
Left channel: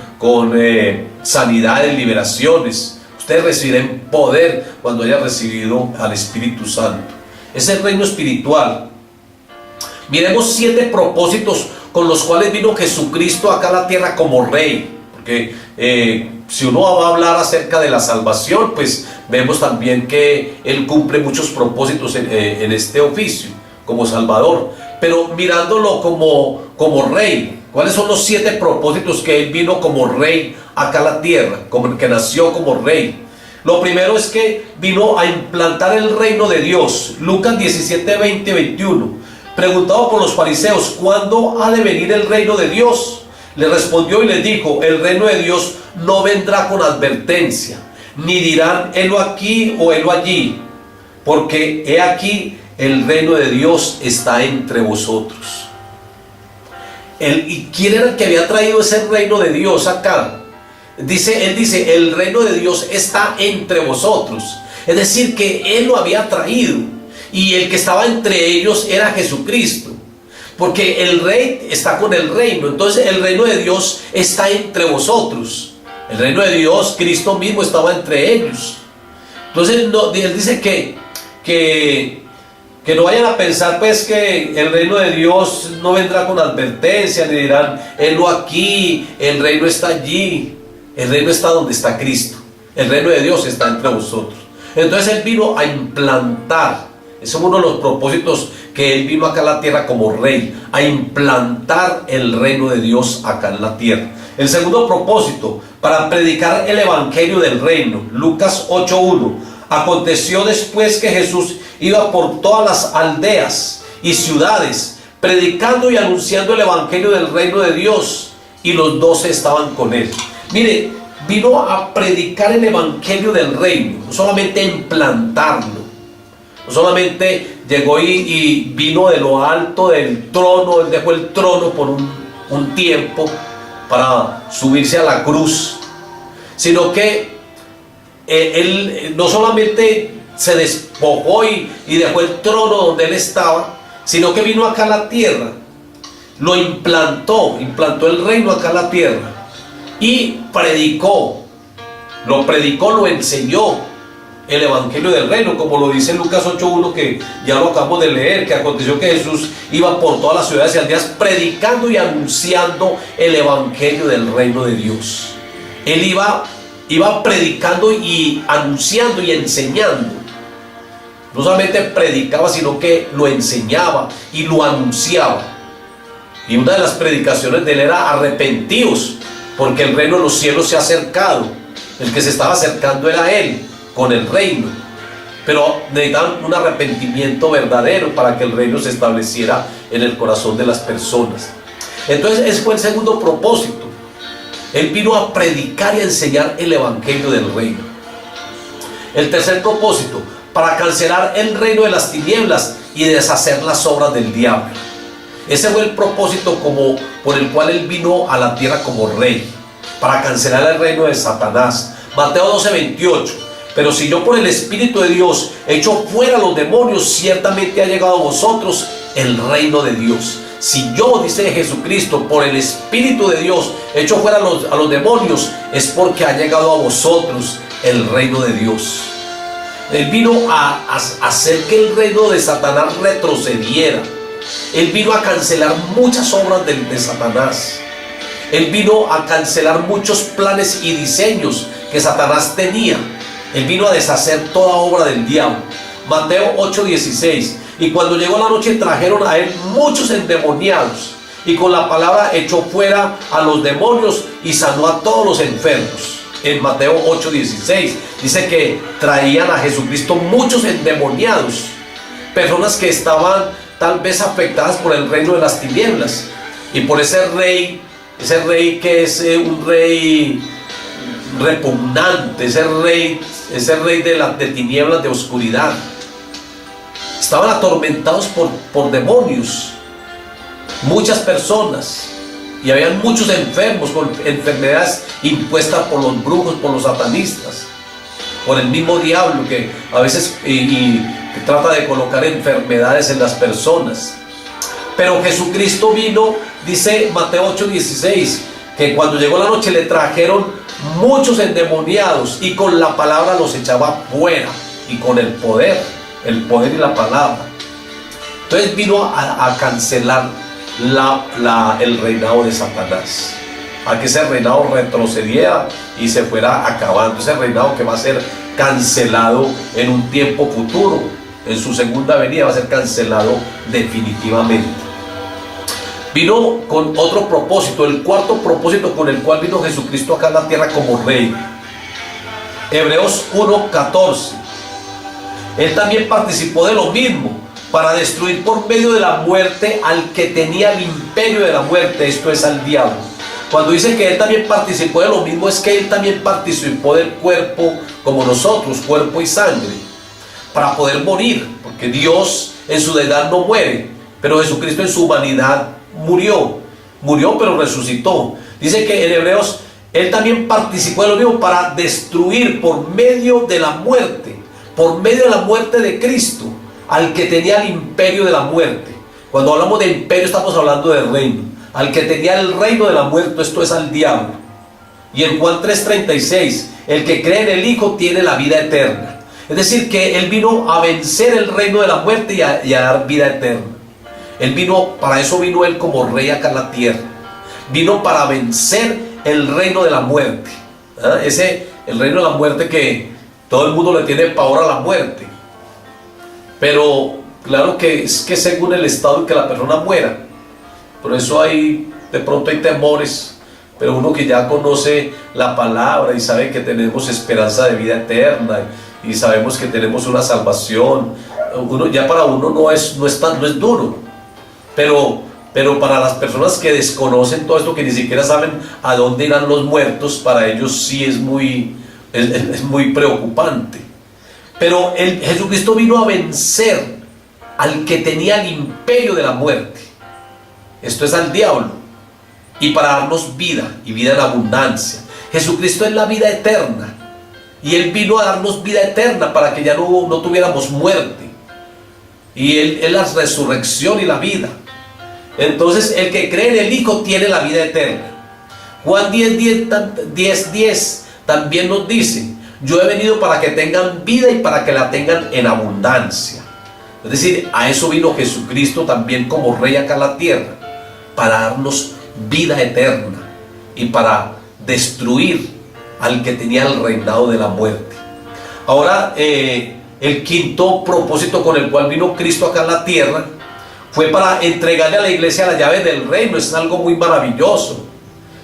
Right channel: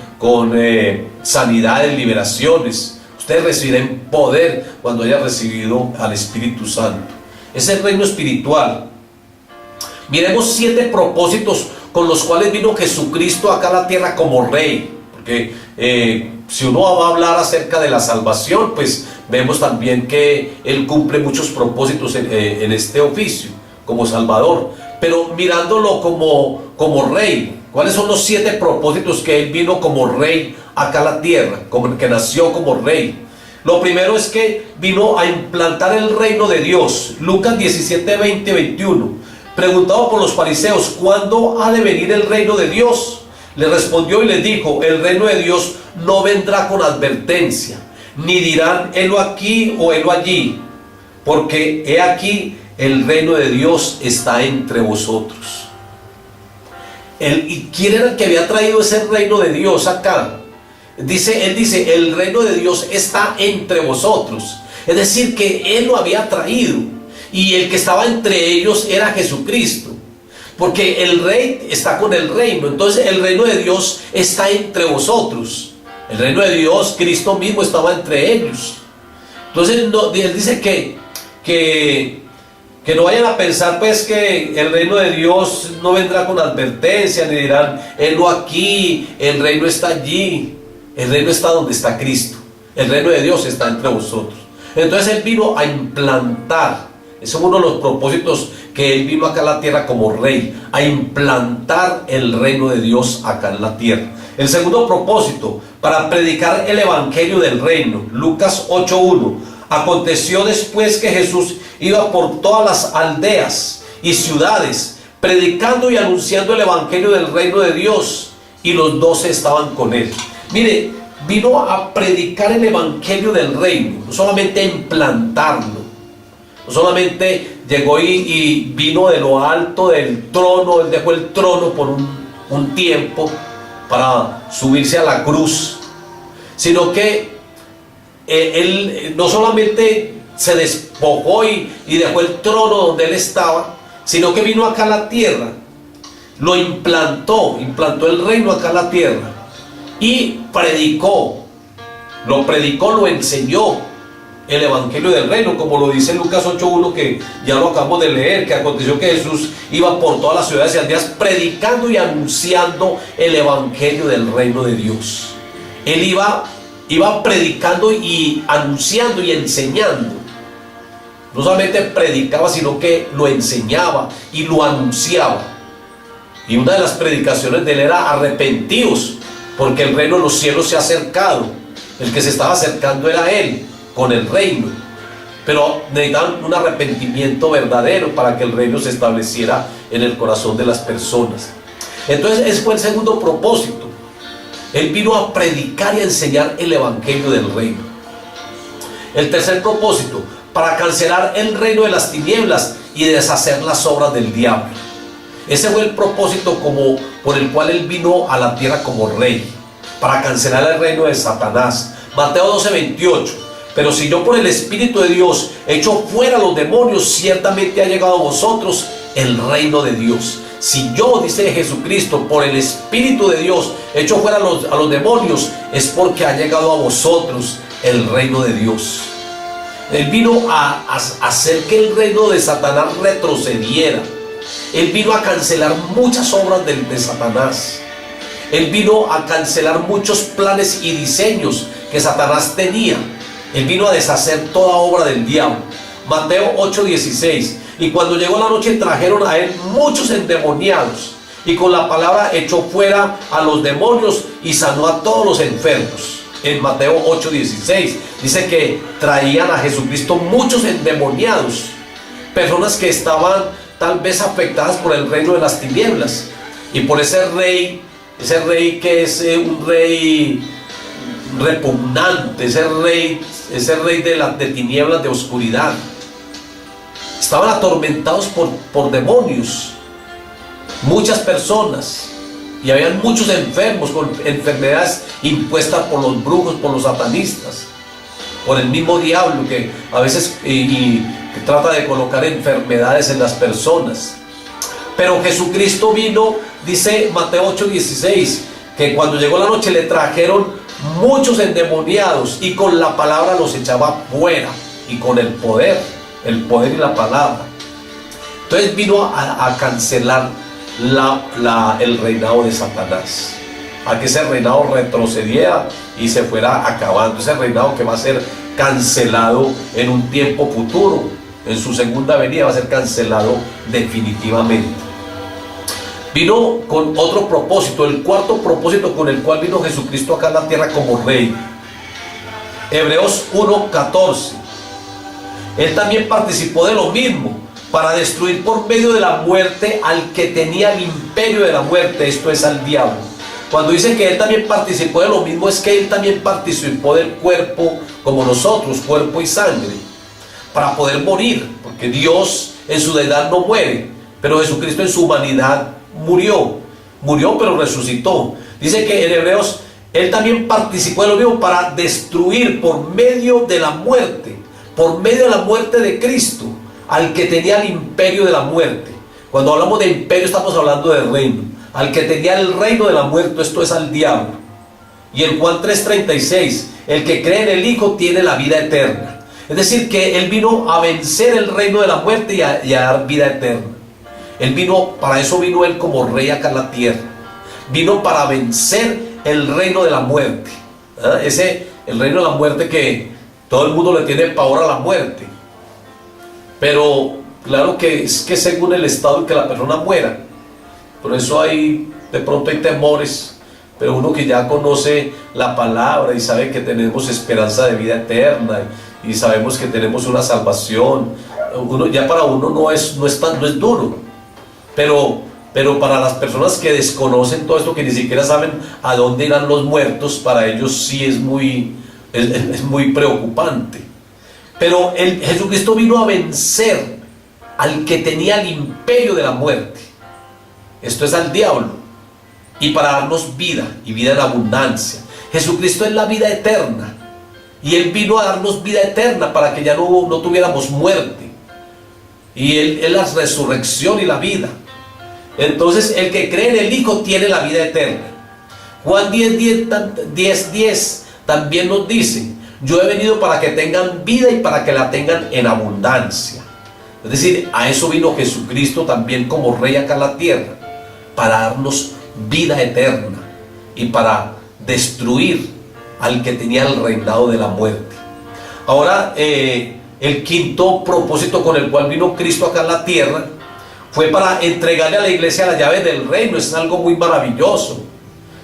sanidades, liberaciones. Ustedes recibirán poder cuando hayan recibido al Espíritu Santo. Es el reino espiritual. Miremos 7 propósitos con los cuales vino Jesucristo acá a la tierra como Rey. Porque si uno va a hablar acerca de la salvación, pues vemos también que Él cumple muchos propósitos en este oficio como Salvador. Pero mirándolo como Rey, ¿cuáles son los 7 propósitos que Él vino como Rey acá a la tierra, como que nació como Rey? Lo primero es que vino a implantar el reino de Dios. Lucas 17, 20, 21. Preguntado por los fariseos: ¿cuándo ha de venir el reino de Dios? Le respondió y les dijo: el reino de Dios no vendrá con advertencia, ni dirán helo aquí o helo allí, porque he aquí el reino de Dios está entre vosotros. ¿Y quién era el que había traído ese reino de Dios acá? Él dice: el reino de Dios está entre vosotros. Es decir, que Él lo había traído, y el que estaba entre ellos era Jesucristo, porque el Rey está con el reino. Entonces el reino de Dios está entre vosotros. El reino de Dios, Cristo mismo estaba entre ellos. Entonces Él dice que no vayan a pensar pues que el reino de Dios no vendrá con advertencia, ni dirán helo aquí, el reino está allí. El reino está donde está Cristo. El reino de Dios está entre vosotros. Entonces Él vino a implantar. Ese es uno de los propósitos que Él vino acá a la tierra como Rey, a implantar el reino de Dios acá en la tierra. El segundo propósito, para predicar el evangelio del reino. Lucas 8:1. Aconteció después que Jesús iba por todas las aldeas y ciudades, predicando y anunciando el evangelio del reino de Dios, y los 12 estaban con Él. Mire, vino a predicar el evangelio del reino, no solamente a implantarlo, no solamente llegó y vino de lo alto del trono. Él dejó el trono por un tiempo para subirse a la cruz, sino que Él no solamente se despojó y dejó el trono donde Él estaba, sino que vino acá a la tierra, lo implantó el reino acá en la tierra, y lo enseñó el evangelio del reino, como lo dice Lucas 8:1, que ya lo acabamos de leer, que aconteció que Jesús iba por todas las ciudades y aldeas predicando y anunciando el evangelio del reino de Dios. Él iba predicando y anunciando y enseñando. No solamente predicaba, sino que lo enseñaba y lo anunciaba. Y una de las predicaciones de Él era: arrepentíos, porque el reino de los cielos se ha acercado. El que se estaba acercando era Él con el reino, pero necesitaban un arrepentimiento verdadero para que el reino se estableciera en el corazón de las personas. Entonces ese fue el segundo propósito. Él vino a predicar y a enseñar el evangelio del reino. El tercer propósito, para cancelar el reino de las tinieblas y deshacer las obras del diablo. Ese fue el propósito por el cual Él vino a la tierra como Rey, para cancelar el reino de Satanás. Mateo 12:28. Pero si yo por el Espíritu de Dios echo fuera a los demonios, ciertamente ha llegado a vosotros el reino de Dios. Si yo, dice Jesucristo, por el Espíritu de Dios echo fuera a los demonios, es porque ha llegado a vosotros el reino de Dios. Él vino a hacer que el reino de Satanás retrocediera. Él vino a cancelar muchas obras de Satanás. Él vino a cancelar muchos planes y diseños que Satanás tenía. Él vino a deshacer toda obra del diablo. Mateo 8:16. Y cuando llegó la noche trajeron a Él muchos endemoniados y con la palabra echó fuera a los demonios y sanó a todos los enfermos. En Mateo 8:16 dice que traían a Jesucristo muchos endemoniados, personas que estaban tal vez afectadas por el reino de las tinieblas y por ese rey que es un rey repugnante, ese rey de tinieblas, de oscuridad. Estaban atormentados por demonios, muchas personas, y habían muchos enfermos con enfermedades impuestas por los brujos, por los satanistas, por el mismo diablo que a veces que trata de colocar enfermedades en las personas. Pero Jesucristo vino, dice Mateo 8:16, que cuando llegó la noche le trajeron muchos endemoniados y con la palabra los echaba fuera, y con el poder y la palabra. Entonces vino a cancelar el reinado de Satanás, a que ese reinado retrocediera y se fuera acabando, ese reinado que va a ser cancelado en un tiempo futuro, en su segunda venida va a ser cancelado definitivamente. Vino con otro propósito, el cuarto propósito con el cual vino Jesucristo acá en la tierra como rey. Hebreos 1:14. Él también participó de lo mismo, para destruir por medio de la muerte al que tenía el imperio de la muerte, esto es, al diablo. Cuando dice que él también participó de lo mismo, es que él también participó del cuerpo como nosotros, cuerpo y sangre, para poder morir, porque Dios en su deidad no muere, pero Jesucristo en su humanidad murió pero resucitó. Dice que en Hebreos él también participó de lo mismo para destruir por medio de la muerte de Cristo al que tenía el imperio de la muerte. Cuando hablamos de imperio estamos hablando de reino, al que tenía el reino de la muerte, esto es, al diablo. Y en Juan 3:36, el que cree en el Hijo tiene la vida eterna. Es decir, que él vino a vencer el reino de la muerte y a dar vida eterna. Para eso vino él como rey acá en la tierra. Vino para vencer el reino de la muerte. El reino de la muerte que todo el mundo le tiene pavor a la muerte. Pero claro que es que según el estado en que la persona muera. Por eso de pronto hay temores. Pero uno que ya conoce la palabra y sabe que tenemos esperanza de vida eterna y sabemos que tenemos una salvación, para uno no es duro. Pero para las personas que desconocen todo esto, que ni siquiera saben a dónde irán los muertos, para ellos sí es muy preocupante. Pero Jesucristo vino a vencer al que tenía el imperio de la muerte, esto es, al diablo, y para darnos vida y vida en abundancia. Jesucristo es la vida eterna y Él vino a darnos vida eterna para que ya no tuviéramos muerte, y Él es la resurrección y la vida. Entonces el que cree en el Hijo tiene la vida eterna. Juan 10:10 también nos dice: yo he venido para que tengan vida y para que la tengan en abundancia. Es decir, a eso vino Jesucristo también como rey acá en la tierra, para darnos vida eterna y para destruir al que tenía el reinado de la muerte. Ahora, el quinto propósito con el cual vino Cristo acá en la tierra fue para entregarle a la iglesia la llave del reino. Es algo muy maravilloso.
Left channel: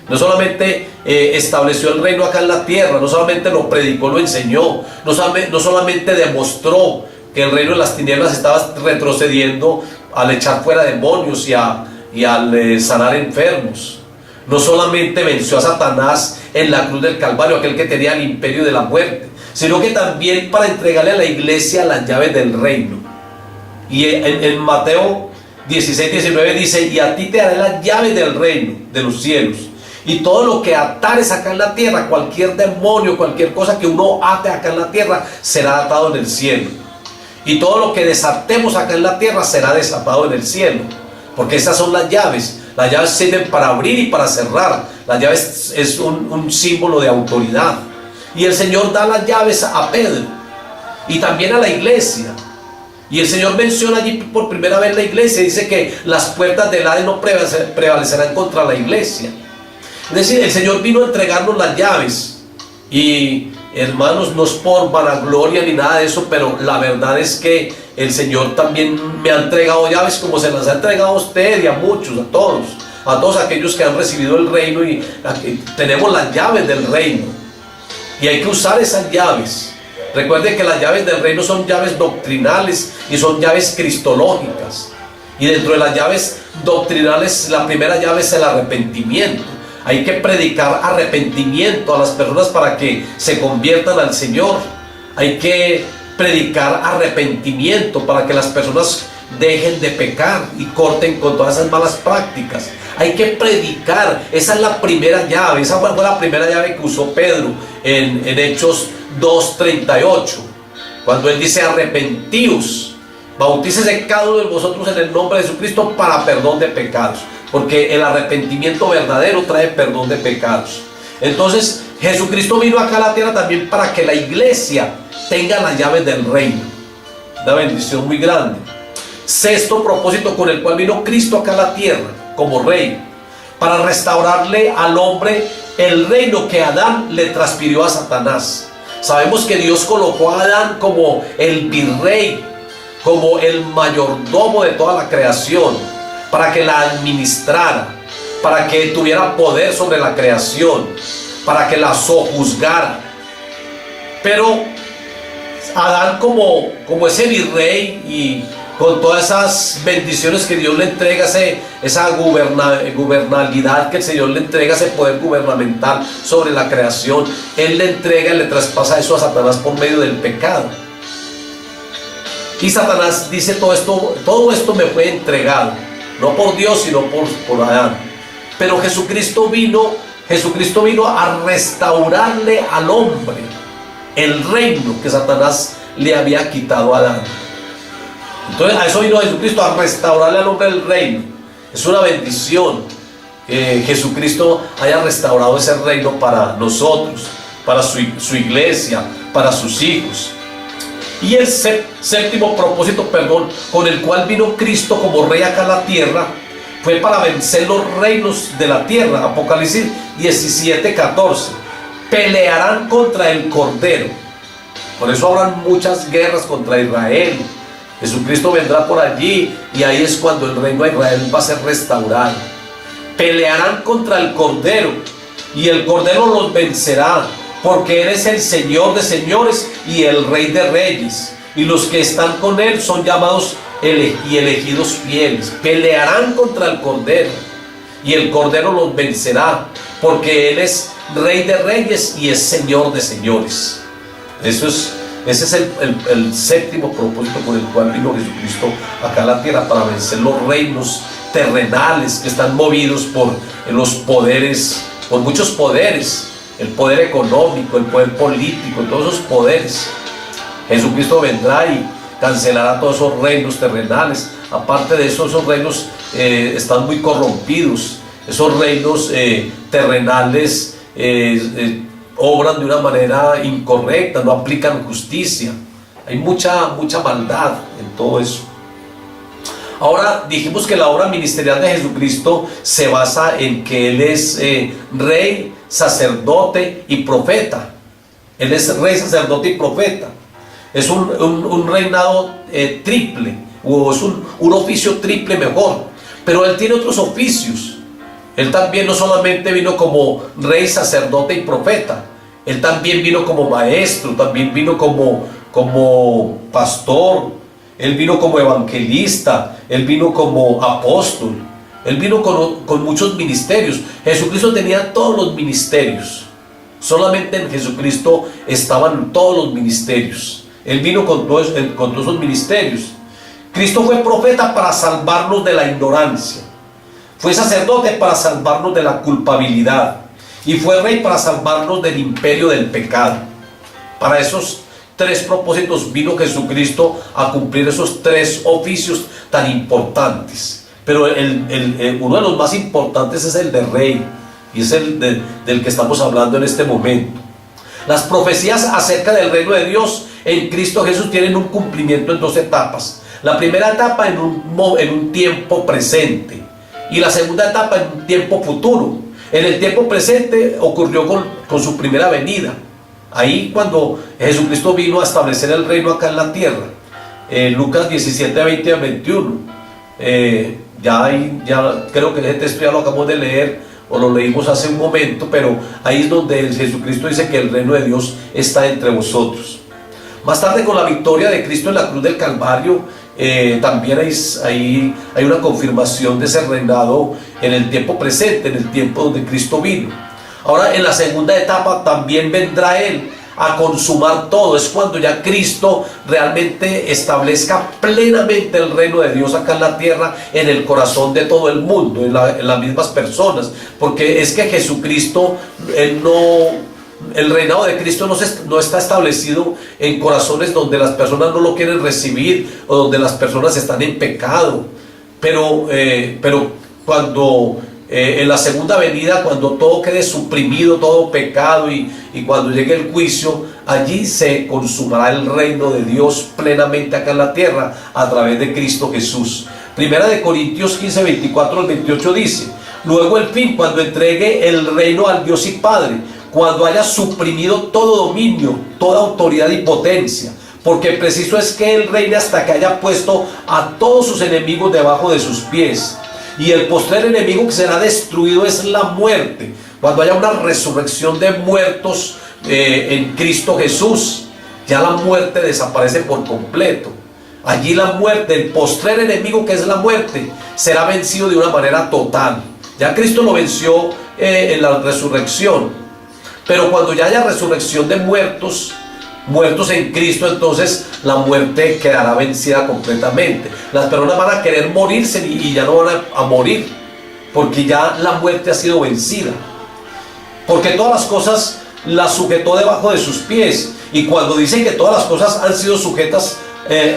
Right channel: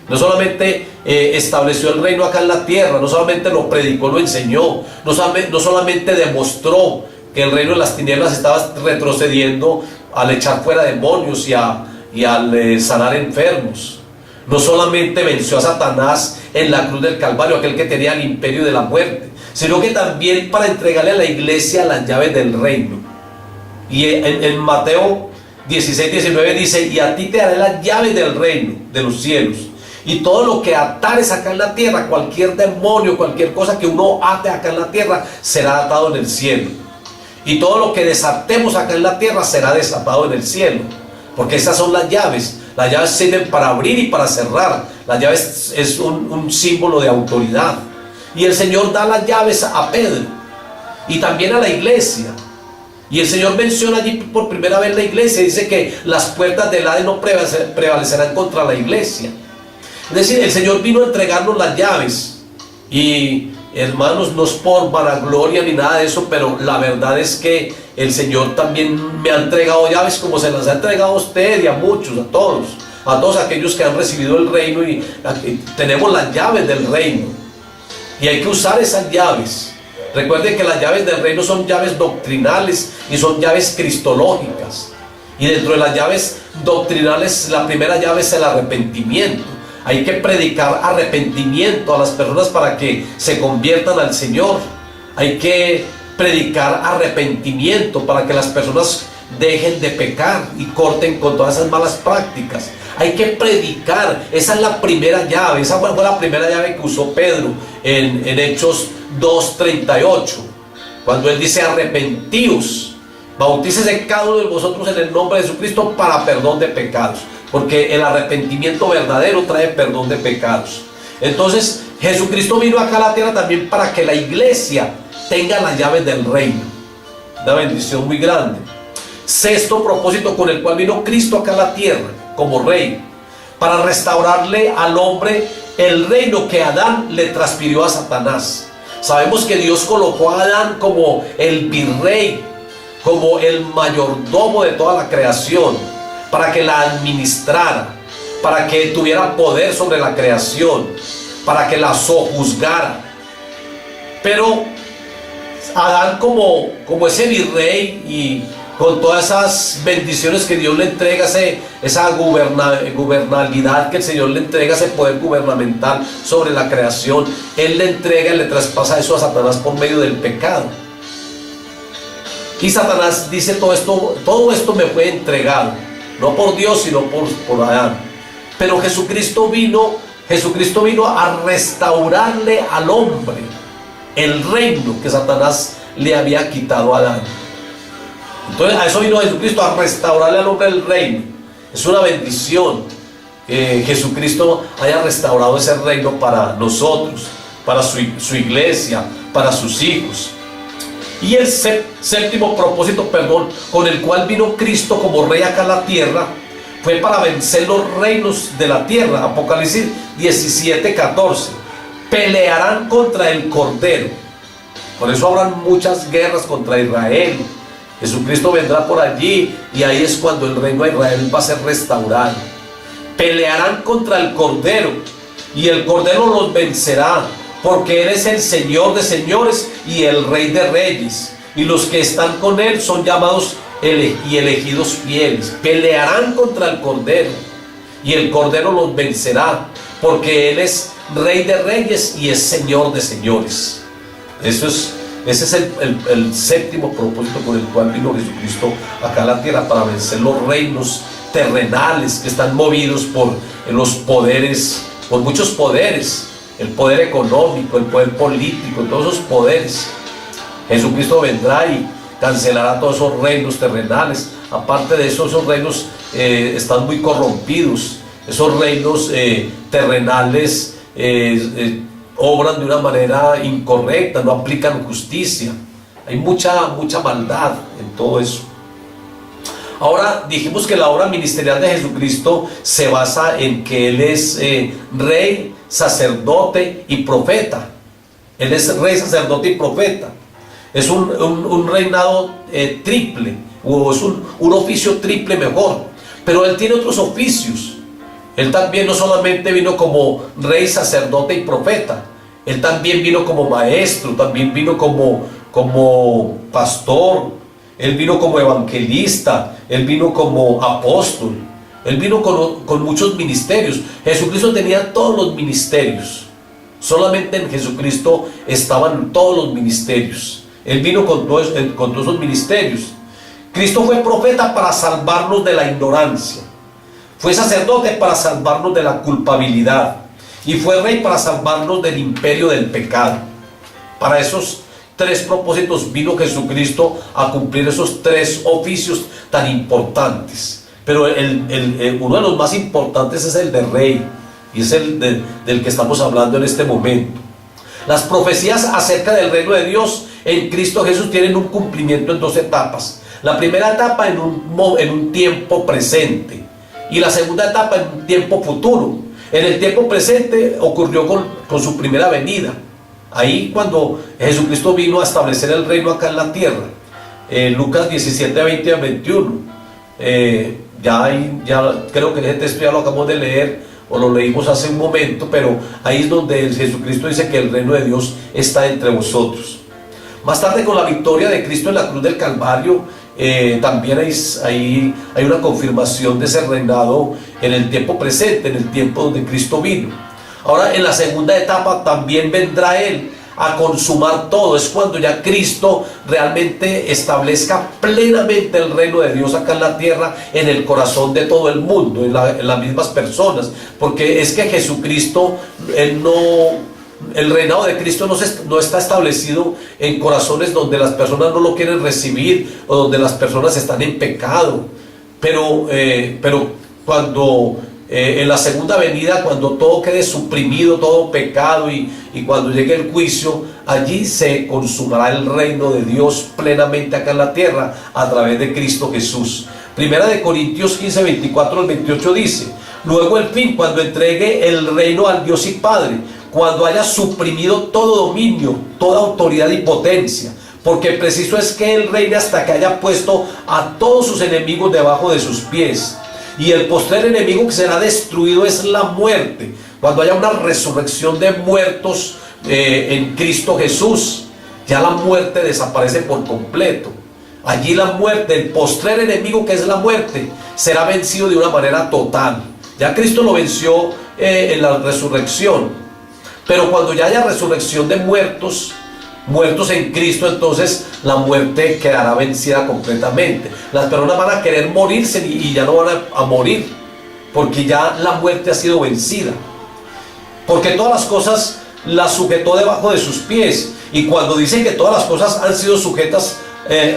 No solamente estableció el reino acá en la tierra, no solamente lo predicó, lo enseñó, no solamente demostró que el reino de las tinieblas estaba retrocediendo al echar fuera demonios y al sanar enfermos. No solamente venció a Satanás en la cruz del Calvario, aquel que tenía el imperio de la muerte, sino que también para entregarle a la iglesia las llaves del reino. Y en Mateo 16:19 dice: y a ti te daré las llaves del reino de los cielos, y todo lo que atares acá en la tierra, cualquier demonio, cualquier cosa que uno ate acá en la tierra, será atado en el cielo, y todo lo que desatemos acá en la tierra será desatado en el cielo. Porque esas son las llaves. Las llaves sirven para abrir y para cerrar. Las llaves es un símbolo de autoridad, y el Señor da las llaves a Pedro y también a la iglesia. Y el Señor menciona allí por primera vez la iglesia. Dice que las puertas del Hades no prevalecerán contra la iglesia. Es decir, el Señor vino a entregarnos las llaves. Y hermanos, no es por vanagloria ni nada de eso, pero la verdad es que el Señor también me ha entregado llaves como se las ha entregado a usted y a muchos, a todos. a todos aquellos que han recibido el reino, y aquí tenemos las llaves del reino y hay que usar esas llaves. Recuerden que las llaves del reino son llaves doctrinales y son llaves cristológicas, y dentro de las llaves doctrinales la primera llave es el arrepentimiento. Hay que predicar arrepentimiento a las personas para que se conviertan al Señor. Hay que predicar arrepentimiento para que las personas dejen de pecar y corten con todas esas malas prácticas. Hay que predicar, esa es la primera llave. Esa fue la primera llave que usó Pedro en Hechos 2:38, cuando él dice: arrepentíos, bautícese cada uno de vosotros en el nombre de Jesucristo para perdón de pecados, porque el arrepentimiento verdadero trae perdón de pecados. Entonces Jesucristo vino acá a la tierra también para que la iglesia tenga las llaves del reino. Una bendición muy grande. Sexto propósito con el cual vino Cristo acá a la tierra como rey: para restaurarle al hombre el reino que Adán le transfirió a Satanás. Sabemos que Dios colocó a Adán como el virrey, como el mayordomo de toda la creación, para que la administrara, para que tuviera poder sobre la creación, para que la sojuzgara. Pero Adán, como ese virrey, y con todas esas bendiciones que Dios le entrega, esa gubernabilidad que el Señor le entrega, ese poder gubernamental sobre la creación, Él le entrega y le traspasa eso a Satanás por medio del pecado. Y Satanás dice: todo esto me fue entregado, no por Dios, sino por Adán. Pero Jesucristo vino a restaurarle al hombre el reino que Satanás le había quitado a Adán. Entonces a eso vino Jesucristo, a restaurarle al hombre el reino. Es una bendición que Jesucristo haya restaurado ese reino para nosotros, para su iglesia, para sus hijos. Y el séptimo propósito, con el cual vino Cristo como rey acá a la tierra, fue para vencer los reinos de la tierra. Apocalipsis 17:14. Pelearán contra el Cordero. Por eso habrán muchas guerras contra Israel. Jesucristo vendrá por allí, y ahí es cuando el reino de Israel va a ser restaurado. Pelearán contra el Cordero, y el Cordero los vencerá, porque Él es el Señor de señores y el Rey de reyes, y los que están con Él son llamados y elegidos fieles. Pelearán contra el Cordero, y el Cordero los vencerá, porque Él es Rey de reyes y es Señor de señores. Ese es el séptimo propósito con el cual vino Jesucristo acá a la tierra, para vencer los reinos terrenales que están movidos por los poderes, por muchos poderes: el poder económico, el poder político, todos esos poderes. Jesucristo vendrá y cancelará todos esos reinos terrenales. Aparte de eso, esos reinos están muy corrompidos. Esos reinos terrenales obran de una manera incorrecta, no aplican justicia. Hay mucha maldad en todo eso. Ahora dijimos que la obra ministerial de Jesucristo se basa en que Él es rey, sacerdote y profeta. Él es rey, sacerdote y profeta. Es un reinado triple, o es un oficio triple mejor. Pero Él tiene otros oficios. Él también no solamente vino como rey, sacerdote y profeta. Él también vino como maestro, también vino como pastor. Él vino como evangelista, Él vino como apóstol, Él vino con muchos ministerios. Jesucristo tenía todos los ministerios. Solamente en Jesucristo estaban todos los ministerios. Él vino con todos esos ministerios. Cristo fue profeta para salvarnos de la ignorancia. Fue sacerdote para salvarnos de la culpabilidad. Y fue rey para salvarnos del imperio del pecado. Para esos tres propósitos vino Jesucristo a cumplir esos tres oficios tan importantes. Pero uno de los más importantes es el de rey, y es el del que estamos hablando en este momento. Las profecías acerca del reino de Dios en Cristo Jesús tienen un cumplimiento en dos etapas. La primera etapa en un tiempo presente, y la segunda etapa en un tiempo futuro. En el tiempo presente ocurrió con su primera venida. Ahí cuando Jesucristo vino a establecer el reino acá en la tierra. Lucas 17, 20 al 21. Ya creo que ese texto ya lo acabamos de leer o lo leímos hace un momento, pero ahí es donde Jesucristo dice que el reino de Dios está entre vosotros. Más tarde, con la victoria de Cristo en la cruz del Calvario, también hay una confirmación de ese reinado en el tiempo presente, en el tiempo donde Cristo vino. Ahora, en la segunda etapa también vendrá Él a consumar todo. Es cuando ya Cristo realmente establezca plenamente el reino de Dios acá en la tierra, en el corazón de todo el mundo, en las mismas personas. Porque es que Jesucristo, el reinado de Cristo no está establecido en corazones donde las personas no lo quieren recibir o donde las personas están en pecado. Pero cuando en la segunda venida, cuando todo quede suprimido, todo pecado, y cuando llegue el juicio, allí se consumará el reino de Dios plenamente acá en la tierra a través de Cristo Jesús. Primera de Corintios 15, 24 al 28 dice: luego el fin, cuando entregue el reino al Dios y Padre, cuando haya suprimido todo dominio, toda autoridad y potencia, porque preciso es que Él reine hasta que haya puesto a todos sus enemigos debajo de sus pies. Y el postrer enemigo que será destruido es la muerte, cuando haya una resurrección de muertos en Cristo Jesús. Ya la muerte desaparece por completo. Allí la muerte, el postrer enemigo que es la muerte, será vencido de una manera total. Ya Cristo lo venció en la resurrección. Pero cuando ya haya resurrección de muertos en Cristo, entonces la muerte quedará vencida completamente. Las personas van a querer morirse y ya no van a morir, porque ya la muerte ha sido vencida. Porque todas las cosas las sujetó debajo de sus pies. Y cuando dicen que todas las cosas han sido sujetas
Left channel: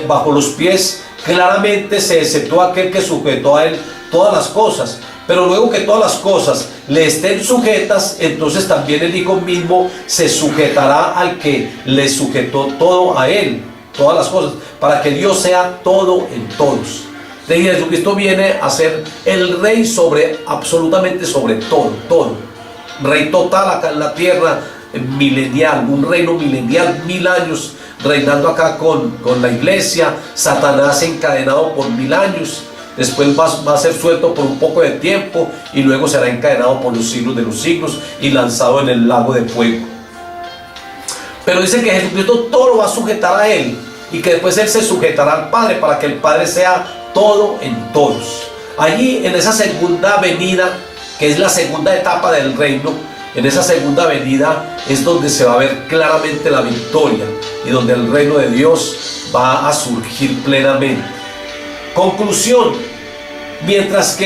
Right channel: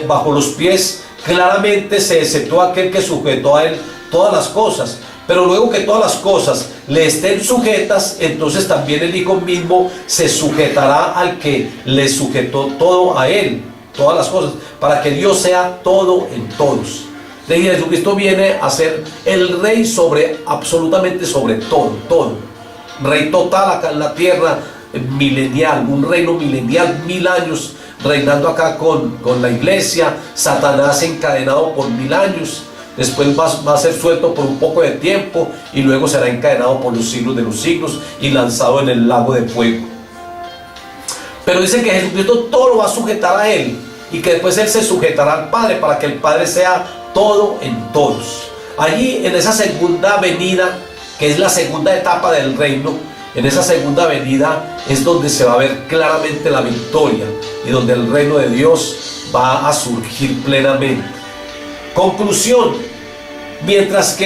bajo los pies, claramente se exceptó aquel que sujetó a Él todas las cosas. Pero luego que todas las cosas le estén sujetas, entonces también el Hijo mismo se sujetará al que le sujetó todo a Él, todas las cosas, para que Dios sea todo en todos. De Jesucristo viene a ser el Rey absolutamente sobre todo. Rey total acá en la tierra, milenial, un reino milenial, 1000 años reinando acá con la iglesia. Satanás encadenado por 1000 años. Después va a ser suelto por un poco de tiempo y luego será encadenado por los siglos de los siglos y lanzado en el lago de fuego. Pero dice que Jesucristo todo lo va a sujetar a Él y que después Él se sujetará al Padre para que el Padre sea todo en todos. Allí, en esa segunda venida, que es la segunda etapa del reino, en esa segunda venida es donde se va a ver claramente la victoria y donde el reino de Dios va a surgir plenamente. Conclusión: mientras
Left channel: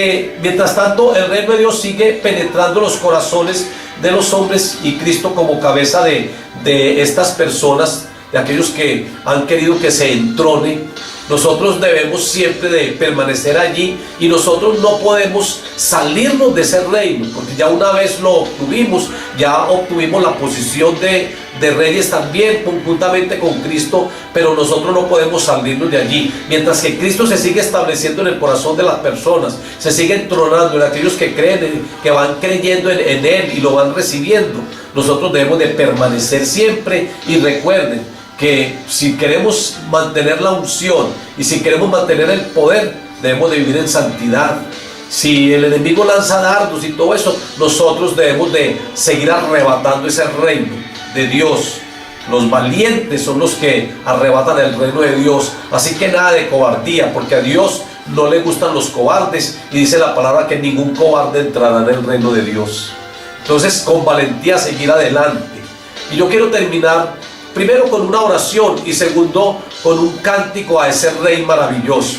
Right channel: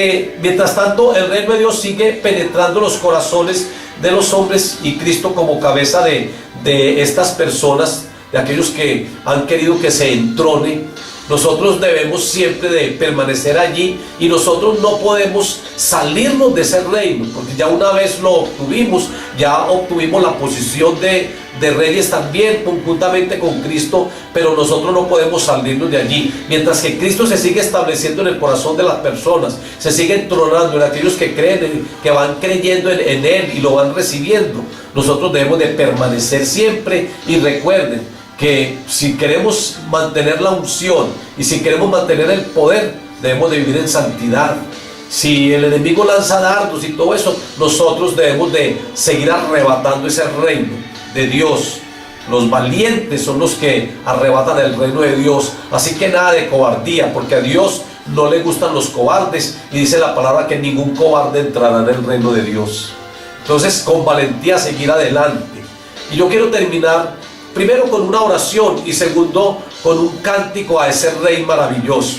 tanto el reino de Dios sigue penetrando los corazones de los hombres y Cristo como cabeza de estas personas, de aquellos que han querido que se entrone, nosotros debemos siempre de permanecer allí y nosotros no podemos salirnos de ese reino, porque ya una vez lo obtuvimos, ya obtuvimos la posición de reyes también conjuntamente con Cristo, pero nosotros no podemos salirnos de allí. Mientras que Cristo se sigue estableciendo en el corazón de las personas, se sigue entronando en aquellos que creen, que van creyendo en Él y lo van recibiendo, nosotros debemos de permanecer siempre. Y recuerden que si queremos mantener la unción y si queremos mantener el poder, debemos de vivir en santidad. Si el enemigo lanza dardos y todo eso, nosotros debemos de seguir arrebatando ese reino de Dios. Los valientes son los que arrebatan el reino de Dios. Así que nada de cobardía, porque a Dios no le gustan los cobardes, y dice la palabra que ningún cobarde entrará en el reino de Dios. Entonces, con valentía seguir adelante. Y yo quiero terminar primero con una oración y segundo con un cántico a ese Rey maravilloso.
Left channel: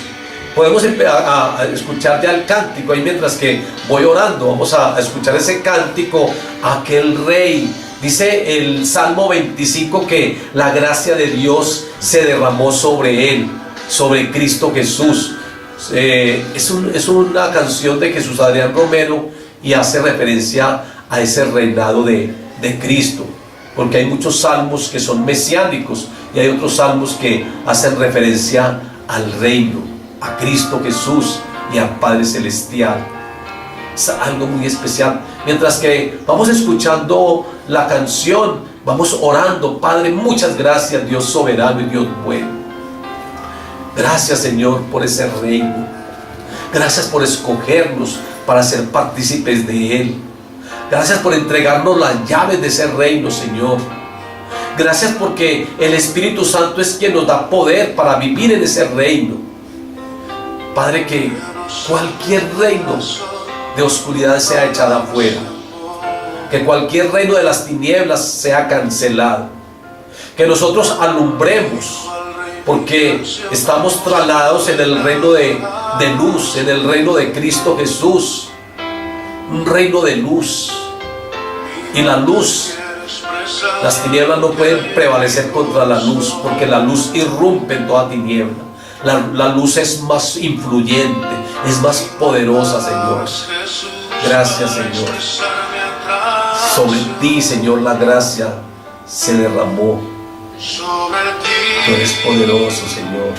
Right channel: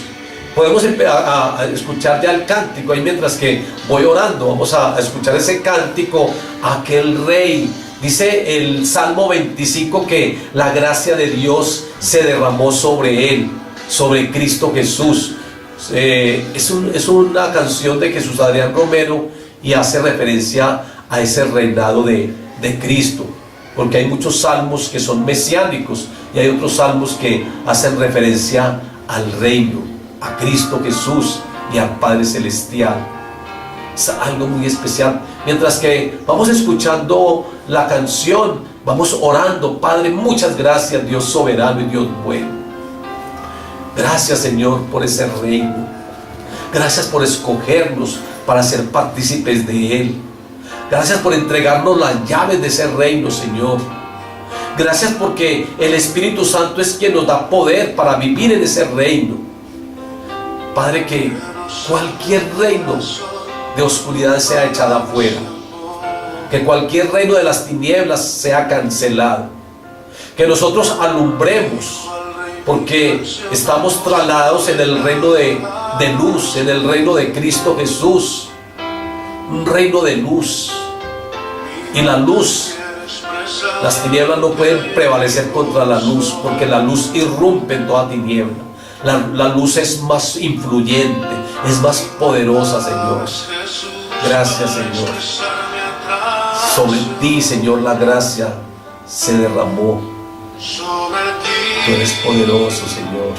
Podemos a escuchar ya el cántico ahí mientras que voy orando. Vamos a escuchar ese cántico a aquel Rey. Dice el Salmo 25 que la gracia de Dios se derramó sobre Él, sobre Cristo Jesús. Es una canción de Jesús Adrián Romero y hace referencia a ese reinado de Cristo, porque hay muchos salmos que son mesiánicos y hay otros salmos que hacen referencia al reino, a Cristo Jesús y al Padre Celestial. Es algo muy especial. Mientras que vamos escuchando la canción, vamos orando. Padre, muchas gracias, Dios soberano y Dios bueno. Gracias, Señor, por ese reino. Gracias por escogernos para ser partícipes de Él. Gracias por entregarnos las llaves de ese reino, Señor. Gracias porque el Espíritu Santo es quien nos da poder para vivir en ese reino. Padre, que cualquier reino de oscuridad sea echado afuera. Que cualquier reino de las tinieblas sea cancelado. Que nosotros alumbremos, porque estamos trasladados en el reino de luz, en el reino de Cristo Jesús. Un reino de luz. Y la luz, las tinieblas no pueden prevalecer contra la luz, porque la luz irrumpe en toda tiniebla. La luz es más influyente, es más poderosa, Señor. Gracias, Señor. Sobre ti, Señor, la gracia se derramó. Tú eres poderoso, Señor.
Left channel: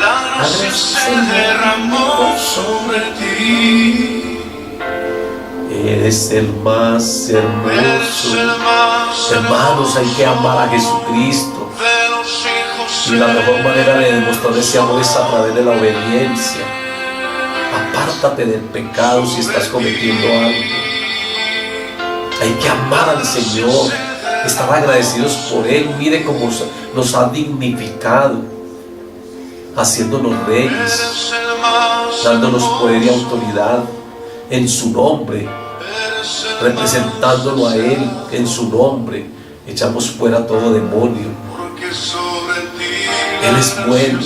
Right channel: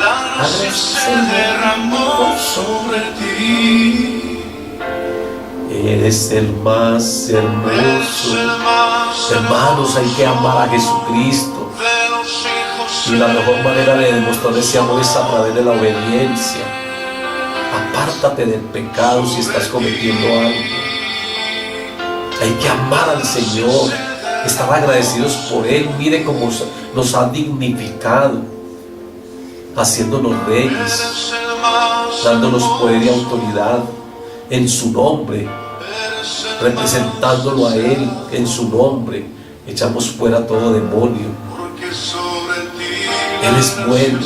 La gracia se derramó sobre ti. Eres el más hermoso. Hermanos, hay que amar a Jesucristo. Y la mejor manera de demostrar ese amor es a través de la obediencia. Apártate del pecado si estás cometiendo algo. Hay que amar al Señor, estar agradecidos por Él. Mire cómo nos ha dignificado, haciéndonos reyes, dándonos poder y autoridad en su nombre, representándolo a Él en su nombre. Echamos fuera todo demonio. Él es bueno.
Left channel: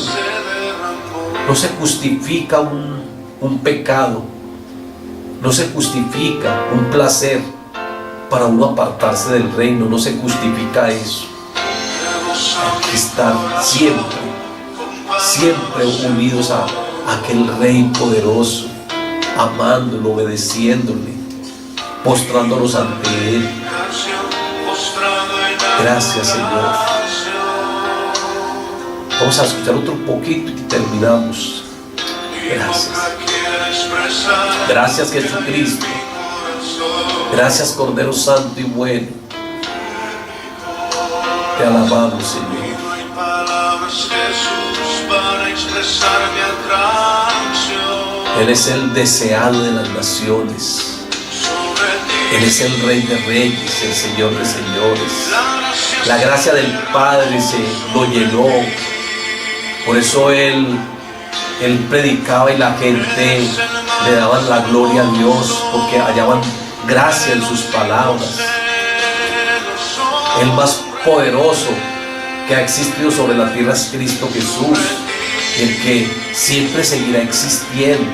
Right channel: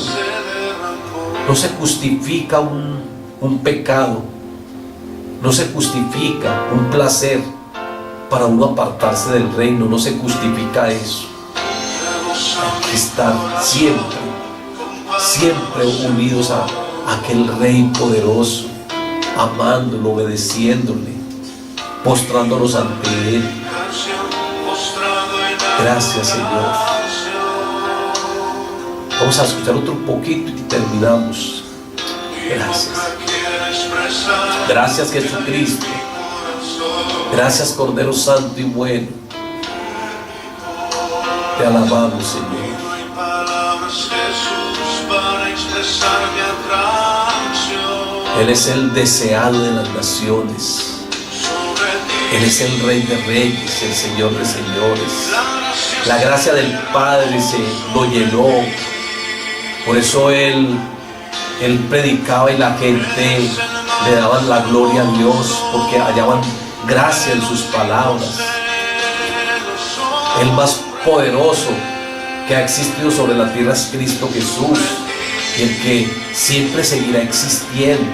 No se justifica un pecado, no se justifica un placer para uno apartarse del reino. No se justifica eso. Hay que estar siempre unidos a aquel Rey poderoso, amándolo, obedeciéndole, postrándonos ante Él. Gracias, Señor. Vamos a escuchar otro poquito y terminamos. Gracias. Gracias, Jesucristo. Gracias, Cordero Santo y bueno. Te alabamos, Señor. Él es el deseado de las naciones. Él es el Rey de Reyes, el Señor de Señores. La gracia del Padre lo llenó. Por eso Él predicaba y la gente le daban la gloria a Dios, porque hallaban gracia en sus palabras. El más poderoso que ha existido sobre la tierra es Cristo Jesús, el que siempre seguirá existiendo.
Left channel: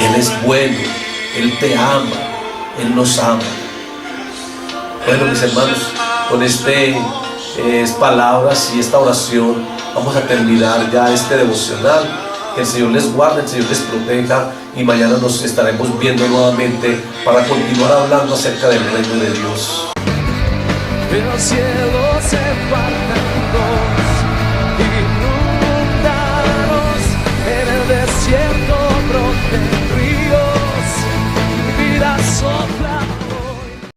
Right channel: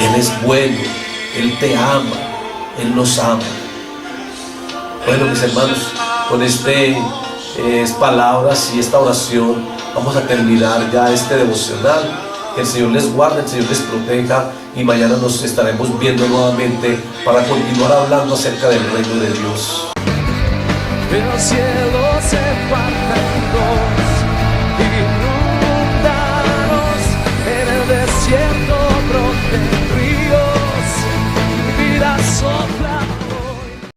Él es bueno, Él te ama, Él nos ama. Bueno, mis hermanos, con estas palabras y esta oración vamos a terminar ya este devocional. Que el Señor les guarde, el Señor les proteja, y mañana nos estaremos viendo nuevamente para continuar hablando acerca del reino de Dios. El cielo se parte en dos, inundados en el desierto.